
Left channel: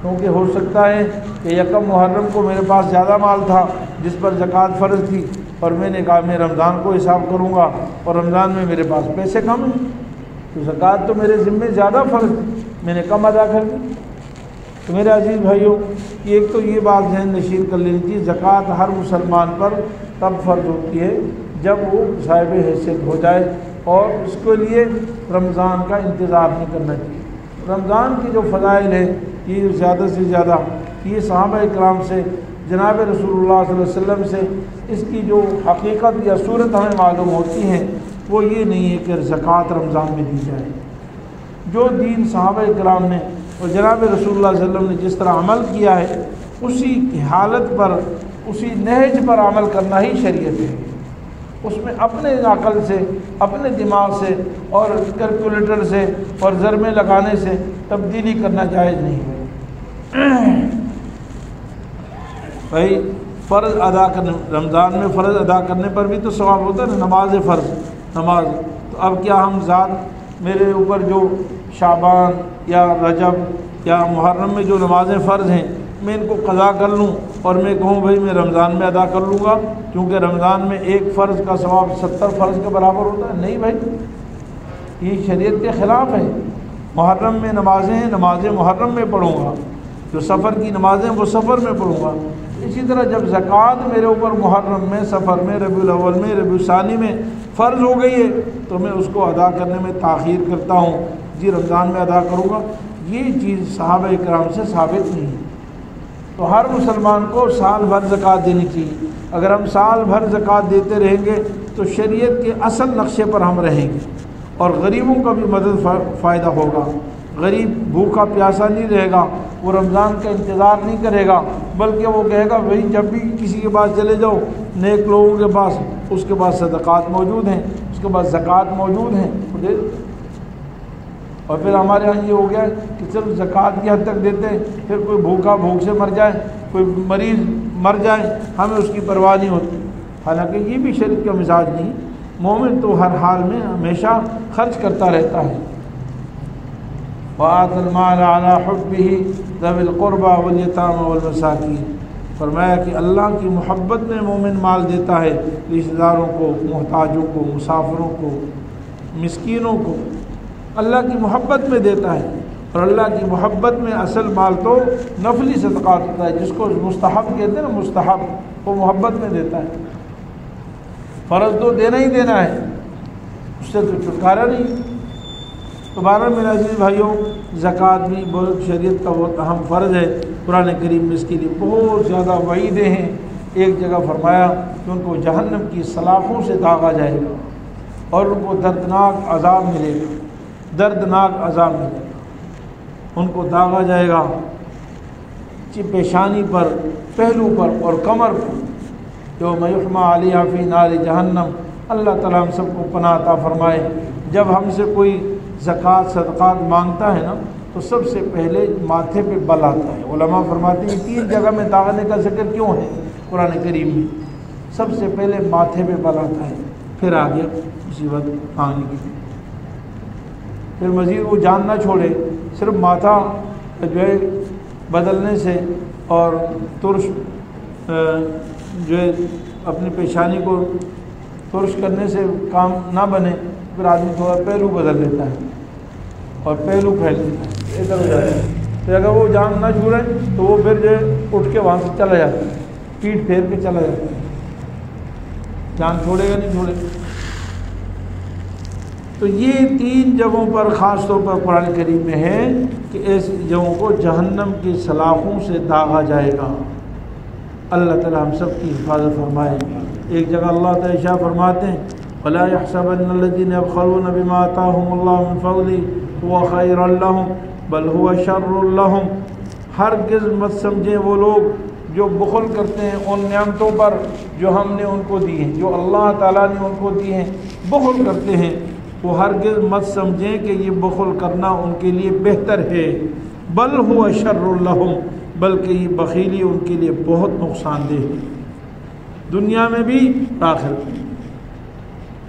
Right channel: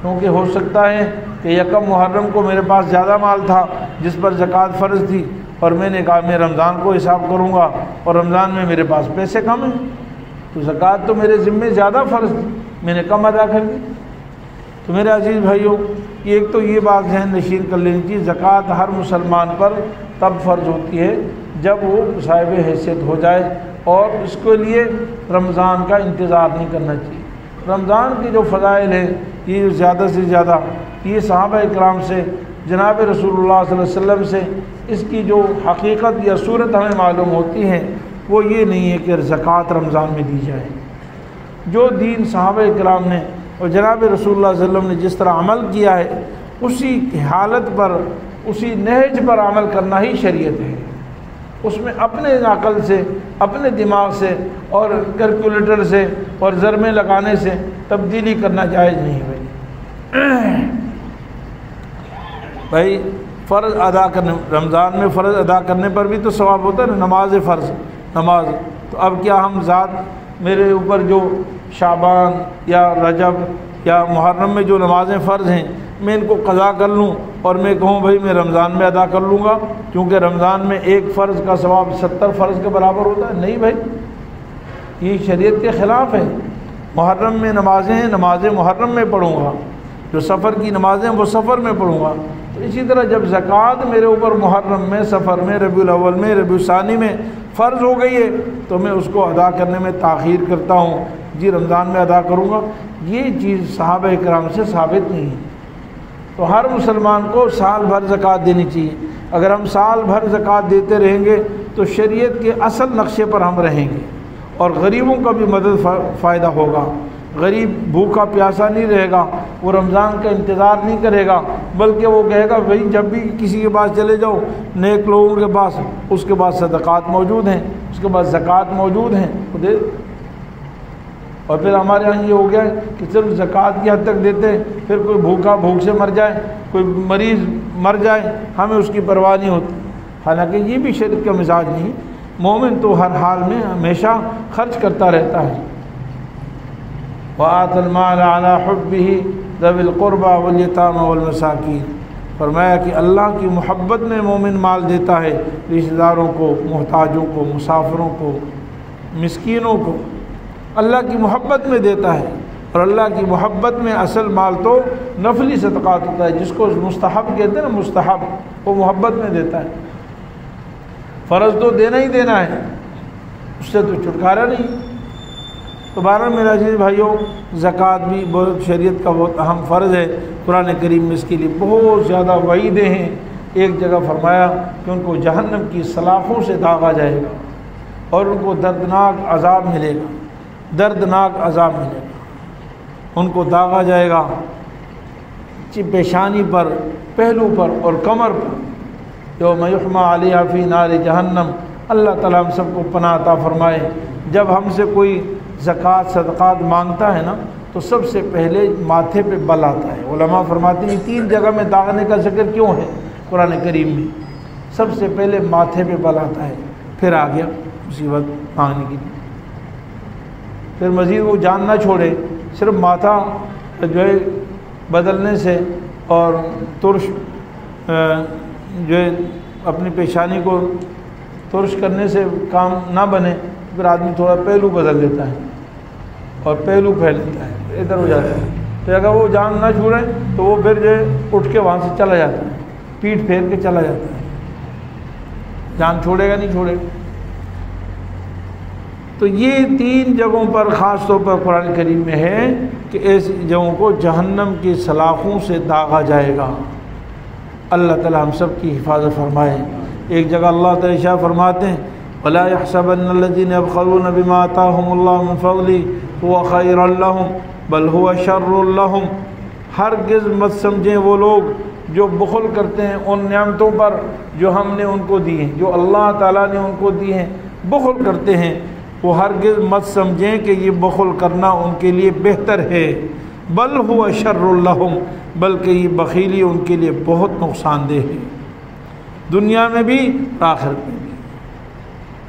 کیونکہ ہو سکتا ہے کہ 1 محرم کو میرے پاس زیادہ مال تھا جس پر زکوٰۃ فرض تھی، اور میں نے کہا میں رمضان کو حساب کروں گا، اور رمضان میں میرے پاس پیسے کم ہیں تو زکوٰۃ تو میرے ذمے زیادہ فرض میں نے کم ادا کر دی۔ تو میرے عزیز بھائیوں، ایک تو یہ بات ذہن نشین کر لینی چاہیے، زکوٰۃ ہر مسلمان پر تب فرض ہوتی ہے جب وہ صاحب حیثیت ہو جائے، اور اس کے لیے رمضان کا انتظار نہیں کرنا چاہیے۔ رمضان کی جو فضائل ہے یہ زیادہ سے زیادہ یہ صحابہ اکرام سے، جناب رسول اللہ صلی اللہ علیہ وسلم سے اس کی جو حقیقت یا صورت ہمیں معلوم ہوتی ہے وہ یہ نہیں ہے کہ زکوٰۃ رمضان میں دی جائے۔ جو دین صحابہ اکرام نے اور جناب رسول اللہ صلی اللہ علیہ وسلم نے جس طرح عمل کیا ہے اسی حالت پر، اسی نہج پر عمل کرنا ہی شریعت ہے۔ اس میں اپنے عقل سے، اپنے دماغ سے اور کیلکولیٹر سے اور ضربیں لگانے سے تبدیلی کرنا جائز نہیں بھائی۔ فرض ادا کرنے، رمضان میں فرض ادا کرنے پر بھی تو ثواب ہوتا ہے نا، نماز فرض نماز، تو اب کیا ہم ذات میرے اوپر جو شعبان یا رجب یا محرم میں جو نمازیں فرض ہیں میں ان کو قضا کر لوں اور میں کہوں بھائی میں رمضان میں ادا کر لوں گا کیونکہ رمضان میں 1 فرض کا ثواب 70 فرض کے برابر ہوتا ہے؟ نہیں بھائی، یہ شریعت کے خلاف ہے۔ محرم میں نمازیں ہیں، نمازیں محرم میں پڑھوں گا، جو سفر کی نمازیں وہ سفر میں پڑھوں گا۔ اسی طرح جب زکوٰۃ میرے اوپر محرم میں، سفر میں، ربیع الاول میں، ربیع الثانی میں فرض ہو گئی ہے تو میں اس کو ادا کرنے میں تاخیر کرتا ہوں، جی رمضان میں ادا کروں گا، یہ چیز صحابہ اکرام سے ثابت نہیں ہے۔ تو ہر مسلمان کو سال بھر زکوٰۃ دینی چاہیے۔ اگر ہم سال بھر زکوٰۃ دیتے رہیں گے تو شریعت کے اصل نقشے پر ہم رہیں گے، اور غریبوں کا بھی مدد فائدہ ہوگا، غریب بھوکا پیاسا نہیں رہے گا، وہ رمضان کا انتظار نہیں کرے گا، بلکہ وہ کہے گا بھائی جب بھی کسی کے پاس چلے جاؤ نیک لوگوں کے پاس، اس کے پاس صدقات موجود ہیں، اس کے پاس زکوٰۃ موجود ہیں تو دے۔ اور پھر ہمارے یہاں یہ ہو گیا کہ صرف زکوٰۃ کی حد تک دیتے ہیں، پھر کوئی بھوکا بھوک سے مر جائے، کوئی مریض مر جائے، ہمیں اس کی پرواہ نہیں ہوتی۔ حالانکہ یہ بھی شریعت کا مزاج نہیں ہے، مومن تو ہر حال میں ہمیشہ خرچ کرتا رہتا ہے۔ وَآتَى الْمَالَ عَلَىٰ حُبِّهِ ذَوِي الْقُرْبَىٰ وَالْيَتَامَىٰ وَالْمَسَاكِينِ، فرمایا کہ اللہ کی محبت میں مومن مال دیتا ہے رشتہ داروں کو، محتاجوں کو، مسافروں کو، مسکینوں کو، اللہ کی محبت میں دیتا ہے۔ اور اللہ کی محبت میں اصل مال تو نفلی صدقات ہوتا ہے، جس کو مستحب کہتے ہیں نا، مستحب، وہ محبت میں دیتا ہے۔ فرض تو دینا ہی دینا ہے، اس سے تو چھٹکارا نہیں۔ تو بہرحال میرے عزیز بھائیوں، زکوٰۃ بھی بہت شریعت کا بہت اہم فرض ہے۔ قرآن کریم میں اس کے لیے بہت زیادہ وعیدیں ہیں۔ ایک جگہ فرمایا کہ ان کو جہنم کی سلاخوں سے داغا جائے گا اور ان کو دردناک عذاب ملے گا، دردناک عذاب ملے گا۔ ان کو داغا جائے گا پیشانی پر، پہلو پر اور کمر پر، یوم یحمى علیہا فی نار جہنم۔ اللہ تعالیٰ ہم سب کو پناہ عطا فرمائے۔ جب ہم سے کوئی زکوٰۃ صدقات مانگتا ہے نا تو سب سے پہلے ماتھے پہ بل آتا ہے۔ علماء فرماتے ہیں 3 جگہ میں داغنے کا ذکر کیوں ہے قرآن کریم میں؟ سب سے پہلے ماتھے پہ بل آتا ہے، پھر آ گیا مصیبت مانگنے کی، پھر مزید وہ جان نہ چھوڑے، صرف ماتھا جو ہے بدلنے سے اور ترش جو ہے اپنی پیشانی کو ترش کرنے سے کام نہ بنے، پھر آدمی تھوڑا پہلو بدل لیتا ہے اور پہلو پھیل لیتا ہے، ادھر ہو جاتا ہے۔ تو اگر وہ جان نہ چھوڑے تو وہ پھر جو ہے اٹھ کے وہاں سے چلا جاتا ہے، پیٹ پھیر کے چلا جاتا ہے، جان چھوڑے گا نہیں چھوڑے گا۔ تو یہ 3 جگہوں پر خاص طور پر قرآن کریم میں ہے کہ ایسی جگہوں کو جہنم کی سلاخوں سے داغا جائے گا۔ اللہ تعالی ہم سب کی حفاظت فرمائے۔ ایک جگہ اللہ تعالی فرماتے ہیں وَلَا يَحْسَبَنَّ الَّذِينَ يَبْخَلُونَ بِمَا آتَاهُمُ اللَّهُ مِنْ فَضْلِهِ هُوَ خَيْرًا لَهُمْ بَلْ هُوَ شَرٌّ لَهُمْ، ہرگز مت سمجھیں وہ لوگ جو بخل کرتے ہیں ان نعمتوں پر جو ہم نے ان کو دی ہیں، جو اللہ تعالیٰ نے ان کو دی ہیں، بخل کرتے ہیں، وہ ہرگز مت سمجھیں کہ یہ بخل کرنا ان کے لیے بہتر ہے، بل هو شر لهم، بلکہ یہ بخیلی ان کے لیے بہت نقصان دہ ہے، دنیا میں بھی آخرت میں بھی۔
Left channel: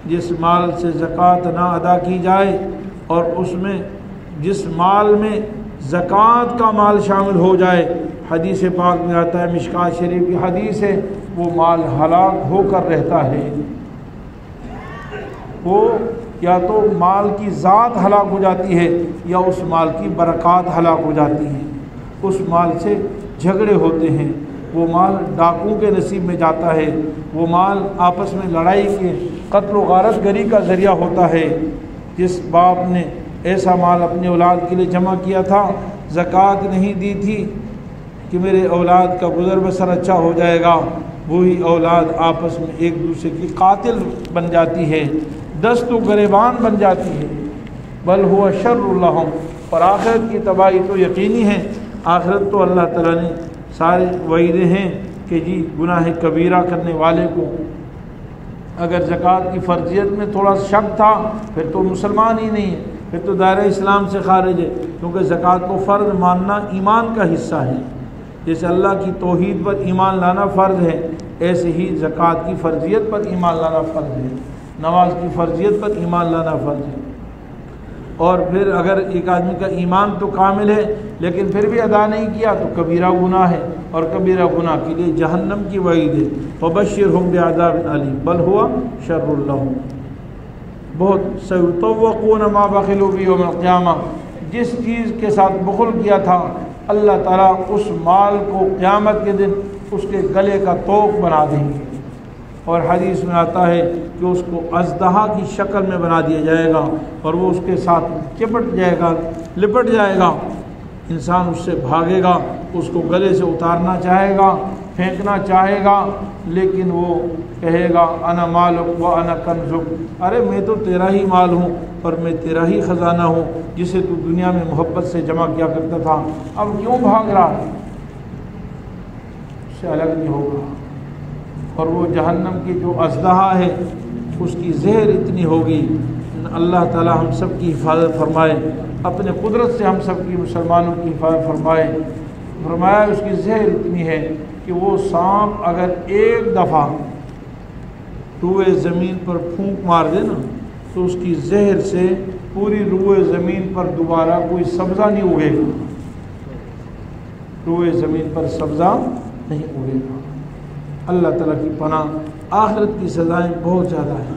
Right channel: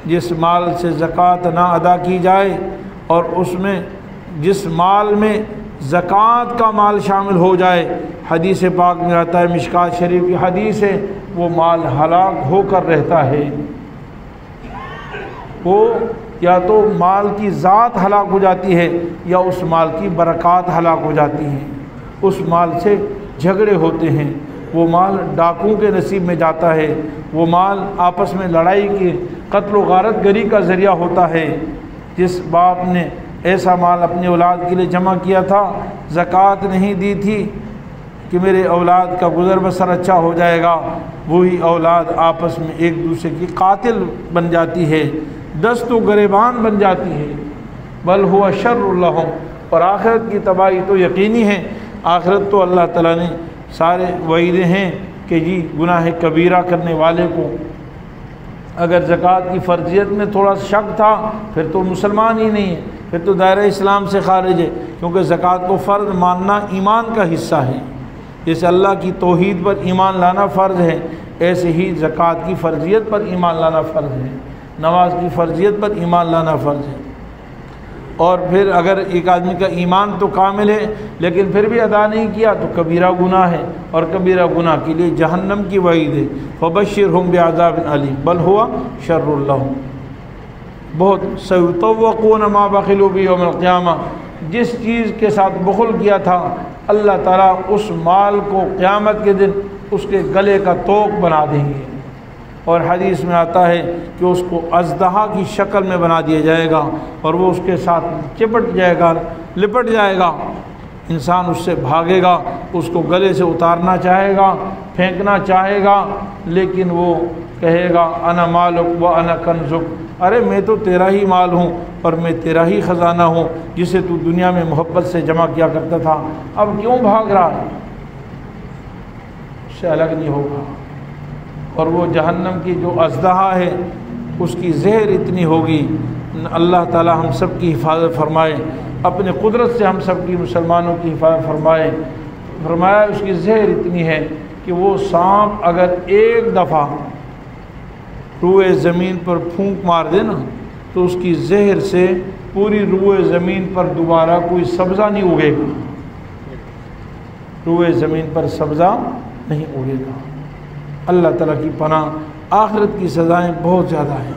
جس مال سے زکوٰۃ نہ ادا کی جائے اور اس میں جس مال میں زکوٰۃ کا مال شامل ہو جائے، حدیث پاک میں آتا ہے، مشکات شریف کی حدیث ہے، وہ مال ہلاک ہو کر رہتا ہے۔ وہ یا تو مال کی ذات ہلاک ہو جاتی ہے یا اس مال کی برکات ہلاک ہو جاتی ہیں، اس مال سے جھگڑے ہوتے ہیں، وہ مال ڈاکوں کے نصیب میں جاتا ہے، وہ مال آپس میں لڑائی کے قتل و غارت گری کا ذریعہ ہوتا ہے۔ جس باپ نے ایسا مال اپنی اولاد کے لیے جمع کیا تھا، زکوٰۃ نہیں دی تھی کہ میرے اولاد کا گزر بسر اچھا ہو جائے گا، وہی اولاد آپس میں ایک دوسرے کی قاتل بن جاتی ہے، دست و گریبان بن جاتی ہے، بل ہوا شر لہم۔ اور آخرت کی تباہی تو یقینی ہے، آخرت تو اللہ تعالیٰ نے سارے وعیدے ہیں کہ جی گناہ کبیرہ کرنے والے کو، اگر زکوٰۃ کی فرضیت میں تھوڑا شک تھا پھر تو مسلمان ہی نہیں ہے، پھر تو دائرہ اسلام سے خارج ہے، کیونکہ زکوٰۃ کو فرض ماننا ایمان کا حصہ ہے۔ جیسے اللہ کی توحید پر ایمان لانا فرض ہے، ایسے ہی زکوٰۃ کی فرضیت پر ایمان لانا فرض ہے، نماز کی فرضیت پر ایمان لانا فرض ہے۔ اور پھر اگر ایک آدمی کا ایمان تو کامل ہے لیکن پھر بھی ادا نہیں کیا تو کبیرہ گناہ ہے، اور کبیرہ گناہ کے لیے جہنم کی وعید ہے، فبشرہم بعذاب علیم بل ہوا شر لہم۔ بہت سیطوقون ما بخلوا بہ یوم القیامہ، جس چیز کے ساتھ بخل کیا تھا اللہ تعالیٰ اس مال کو قیامت کے دن اس کے گلے کا توق بنا دیں گے، اور حدیث میں آتا ہے کہ اس کو اژدہا کی شکل میں بنا دیا جائے گا اور وہ اس کے ساتھ چپٹ جائے گا، لپٹ جائے گا، انسان اس سے بھاگے گا، اس کو گلے سے اتارنا چاہے گا پھینکنا چاہے گا لیکن وہ کہے گا انا مالک و انا کنزک، ارے میں تو تیرا ہی مال ہوں اور میں تیرا ہی خزانہ ہوں جسے تو دنیا میں محبت سے جمع کیا کرتا تھا، اب کیوں بھاگ رہا؟ اس سے الگ نہیں ہوگا۔ اور وہ جہنم کی جو ازدہا ہے اس کی زہر اتنی ہوگی، اللہ تعالی ہم سب کی حفاظت فرمائے، اپنے قدرت سے ہم سب کی مسلمانوں کی حفاظت فرمائے۔ فرمایا اس کی زہر اتنی ہے کہ وہ سانپ اگر ایک دفعہ روئے زمین پر پھونک مار دے نا تو اس کی زہر سے پوری روئے زمین پر دوبارہ کوئی سبزہ نہیں اگے گا، روئے زمین پر سبزہ نہیں اگے گا۔ اللہ تعالیٰ کی پناہ، آخرت کی سزائیں بہت زیادہ ہیں۔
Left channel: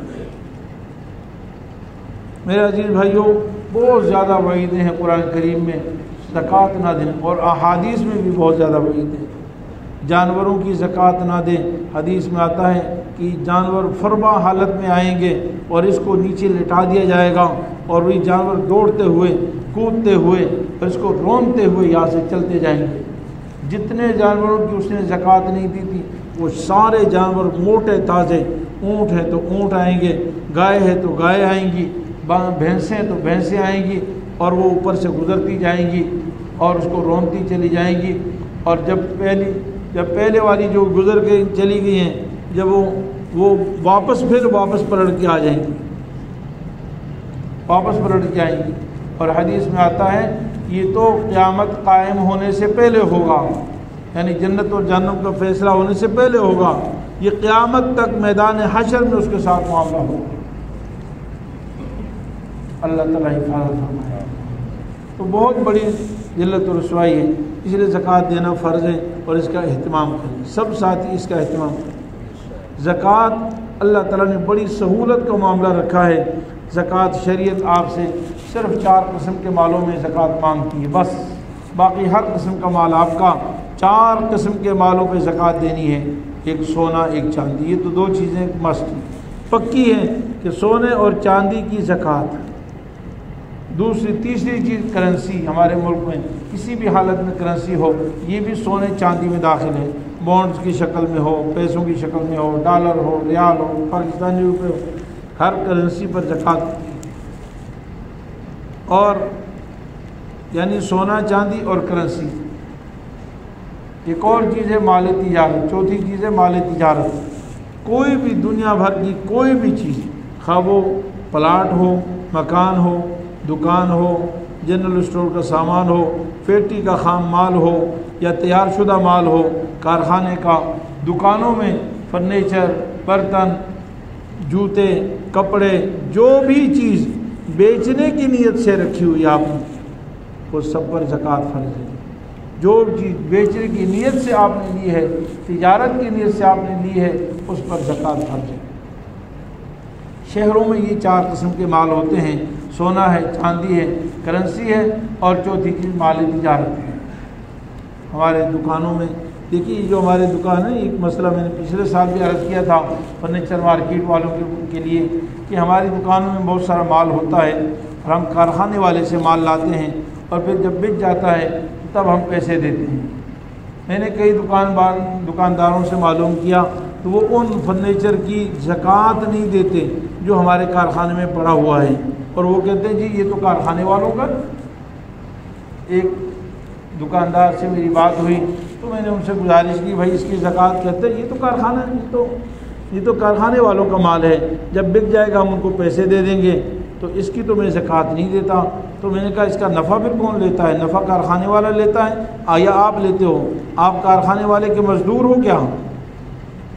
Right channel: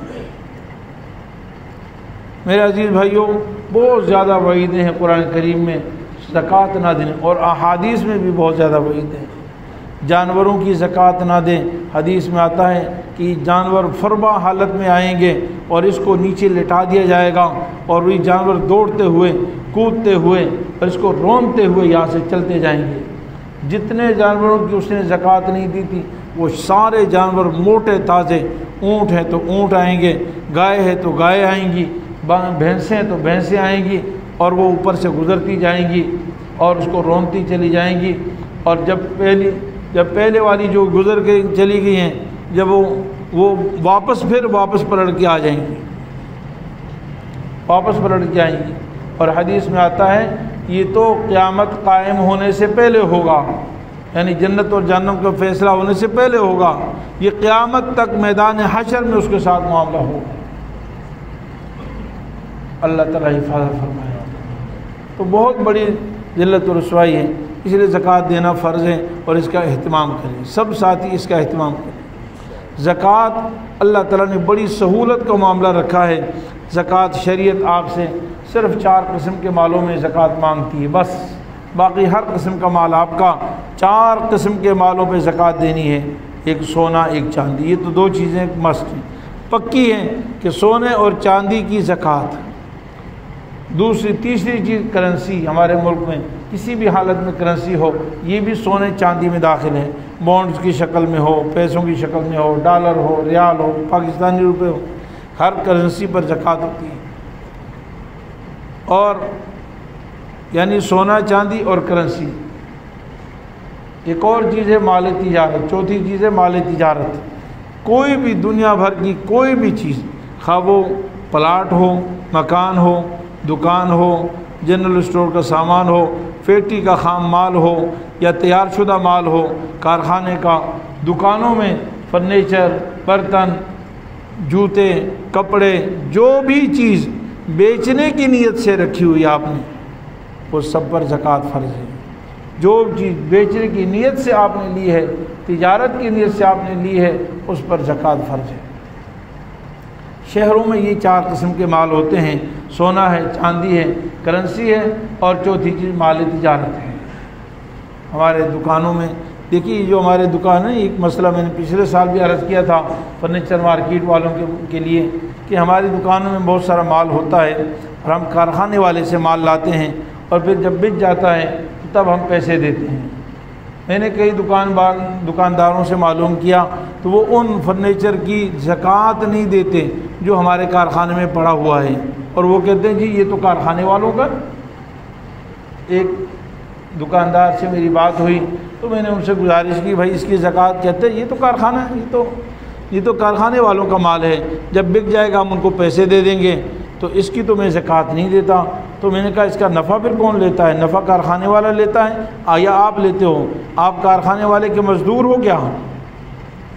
میرے عزیز بھائیوں، بہت زیادہ وعیدیں ہیں قرآن کریم میں زکوٰۃ نہ دیں، اور احادیث میں بھی بہت زیادہ وعیدیں ہیں۔ جانوروں کی زکوٰۃ نہ دیں، حدیث میں آتا ہے کہ جانور فربا حالت میں آئیں گے اور اس کو نیچے لٹا دیا جائے گا اور وہی جانور دوڑتے ہوئے کودتے ہوئے اور اس کو رونتے ہوئے یہاں سے چلتے جائیں گے۔ جتنے جانوروں کی اس نے زکوٰۃ نہیں دی تھی وہ سارے جانور موٹے تازے، اونٹ ہے تو اونٹ آئیں گے، گائے ہے تو گائے آئیں گی، بھینسیں ہیں تو بھینسیں آئیں گی، اور وہ اوپر سے گزرتی جائیں گی اور اس کو رونتی چلی جائیں گی۔ اور جب پہلے والی جو گزر کے چلی گئی ہیں، جب وہ واپس پلٹ کے آ جائیں گی، واپس پلٹ کے آئیں گی۔ اور حدیث میں آتا ہے یہ تو قیامت قائم ہونے سے پہلے ہوگا، یعنی جنت اور جہنم کا فیصلہ ہونے سے پہلے ہوگا، یہ قیامت تک میدان حشر میں اس کے ساتھ معاملہ ہوگا۔ اللہ تعالیٰ حفاظت فرمائے۔ تو بہت بڑی ذلت و رسوائی ہے، اس لیے زکوٰۃ دینا فرض ہے اور اس کا اہتمام کریں، سب ساتھی اس کا اہتمام کریں۔ زکوٰۃ اللہ تعالیٰ نے بڑی سہولت کا معاملہ رکھا ہے۔ زکوٰۃ شریعت آپ سے صرف 4 قسم کے مالوں میں زکوٰۃ مانگتی ہے، بس باقی ہر قسم کا مال آپ کا 4 قسم کے مالوں پہ زکوٰۃ دینی ہے، ایک سونا ایک چاندی، یہ تو 2 چیزیں مست ہیں، پکی ہیں کہ سونے اور چاندی کی زکوٰۃ۔ تیسری چیز کرنسی، ہمارے ملک میں کسی بھی حالت میں کرنسی ہو، یہ بھی سونے چاندی میں داخل ہے، بانڈز کی شکل میں ہو، پیسوں کی شکل میں ہو، ڈالر ہو، ریال ہو، پاکستانی روپے ہو، ہر کرنسی پر زکوٰۃ ہوتی ہے۔ اور یعنی سونا چاندی اور کرنسی۔ ایک اور چیز ہے مال تجارت، چوتھی چیز ہے مال تجارت۔ کوئی بھی دنیا بھر کی کوئی بھی چیز، خواہ وہ پلاٹ ہو، مکان ہو، دکان ہو، جنرل اسٹور کا سامان ہو، فیکٹری کا خام مال ہو یا تیار شدہ مال ہو، کارخانے کا، دکانوں میں فرنیچر، برتن، جوتے، کپڑے، جو بھی چیز بیچنے کی نیت سے رکھی ہوئی آپ نے، وہ سب پر زکوٰۃ فرض ہے۔ جو چیز بیچنے کی نیت سے آپ نے لی ہے، تجارت کی نیت سے آپ نے لی ہے، اس پر زکوٰۃ فرض ہے۔ شہروں میں یہ 4 قسم کے مال ہوتے ہیں، سونا ہے، چاندی ہے، کرنسی ہے، اور چوتھی چیز مال تجارت ہے۔ ہمارے دکانوں میں دیکھیے، جو ہمارے دکان ہے، ایک مسئلہ میں نے پچھلے سال بھی عرض کیا تھا فرنیچر مارکیٹ والوں کے لیے کہ ہماری دکانوں میں بہت سارا مال ہوتا ہے اور ہم کارخانے والے سے مال لاتے ہیں اور پھر جب بک جاتا ہے تب ہم پیسے دیتے ہیں۔ میں نے کئی دکانداروں سے معلوم کیا تو وہ ان فرنیچر کی زکوٰۃ نہیں دیتے جو ہمارے کارخانے میں پڑا ہوا ہے، اور وہ کہتے ہیں جی یہ تو کارخانے والوں کا۔ ایک دکاندار سے میری بات ہوئی تو میں نے ان سے گزارش کی، بھائی اس کی زکوٰۃ، کہتے ہیں یہ تو کارخانہ ہے، یہ تو کارخانے والوں کا مال ہے، جب بک جائے گا ہم ان کو پیسے دے دیں گے، تو اس کی تو میں زکوٰۃ نہیں دیتا۔ تو میں نے کہا اس کا نفع پھر کون لیتا ہے؟ نفع کارخانے والا لیتا ہے یا آپ لیتے ہو؟ آپ کارخانے والے کے مزدور ہو کیا؟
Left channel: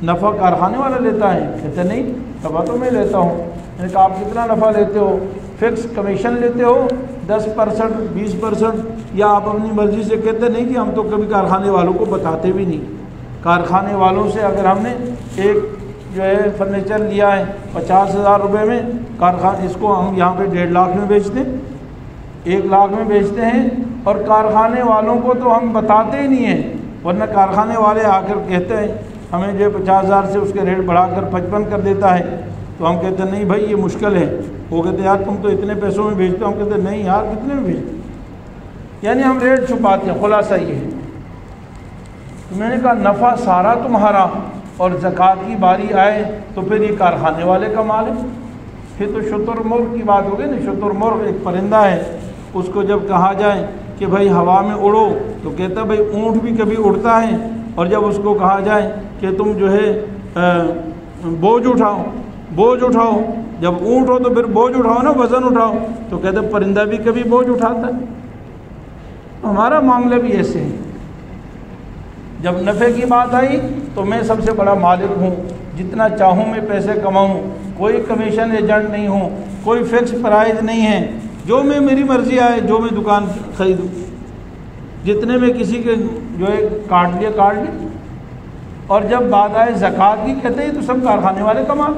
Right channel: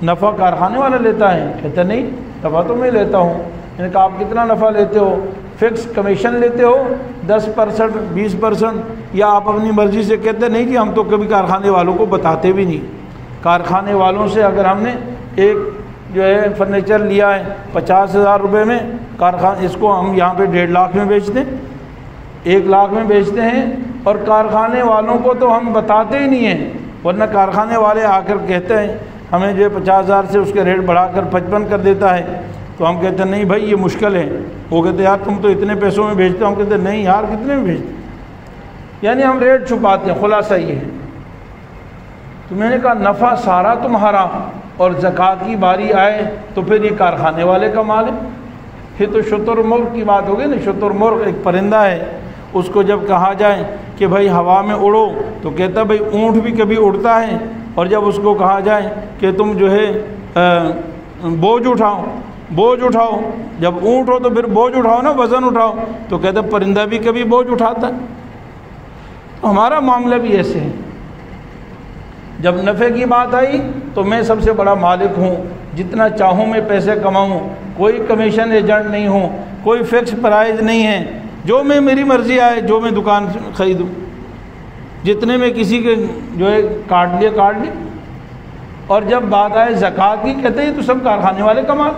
نفع کارخانے والا لیتا ہے؟ کہتا نہیں، نفع تو میں لیتا ہوں۔ میں نے کہا آپ کتنا نفع لیتے ہو؟ فکس کمیشن لیتے ہو 10%، 20%، یا آپ اپنی مرضی سے کہتے نہیں کہ ہم تو کبھی کارخانے والوں کو بتاتے بھی نہیں۔ کارخانے والوں سے اگر ہم نے ایک جو ہے فرنیچر لیا ہے 50,000 روپے میں، کارخانے اس کو ہم یہاں پہ 1.5 لاکھ میں بیچتے ہیں، 1 لاکھ میں بیچتے ہیں، اور کارخانے والوں کو تو ہم بتاتے ہی نہیں ہیں، ورنہ کارخانے والے آ کر کہتے ہیں ہمیں جو ہے 50,000 سے اس کے ریٹ بڑھا کر 55 کر دیتا ہے، تو ہم کہتے ہیں نہیں بھائی یہ مشکل ہے۔ وہ کہتے ہیں یار تم تو اتنے پیسوں میں بیچتے ہو، ہم کہتے ہیں نہیں یار کتنے میں بیچتے، یعنی ہم ریٹ چھپاتے ہیں۔ خلاصہ یہ ہے تو میں نے کہا نفع سارا تمہارا اور زکوٰۃ کی باری آئے تو پھر یہ کارخانے والے کا مال ہے. پھر تو شتر مرغ کی بات ہوگی نا. شتر مرغ ایک پرندہ ہے, اس کو جب کہا جائے کہ بھائی ہوا میں اڑو تو کہتا بھائی اونٹ بھی کبھی اڑتا ہے, اور جب اس کو کہا جائے کہ تم جو ہے بوجھ اٹھاؤ, جب اونٹ ہو تو پھر بوجھ اٹھاؤ نا, وزن اٹھاؤ, تو کہتا پرندہ بھی کبھی بوجھ اٹھاتا ہے. ہمارا معاملہ بھی ایسے ہے. جب نفع کی بات آئی تو میں سب سے بڑا مالک ہوں, جتنا چاہوں میں پیسے کماؤں, کوئی کمیشن ایجنٹ نہیں ہوں, کوئی فکس پرائز نہیں ہے, جو میں میری مرضی آئے جو میں دکان خریدوں, جتنے میں کسی کے جو ہے کاٹ لیا. اور جب بات آئے زکوٰۃ کی کہتے ہیں تو سب کارخانے والے کمال.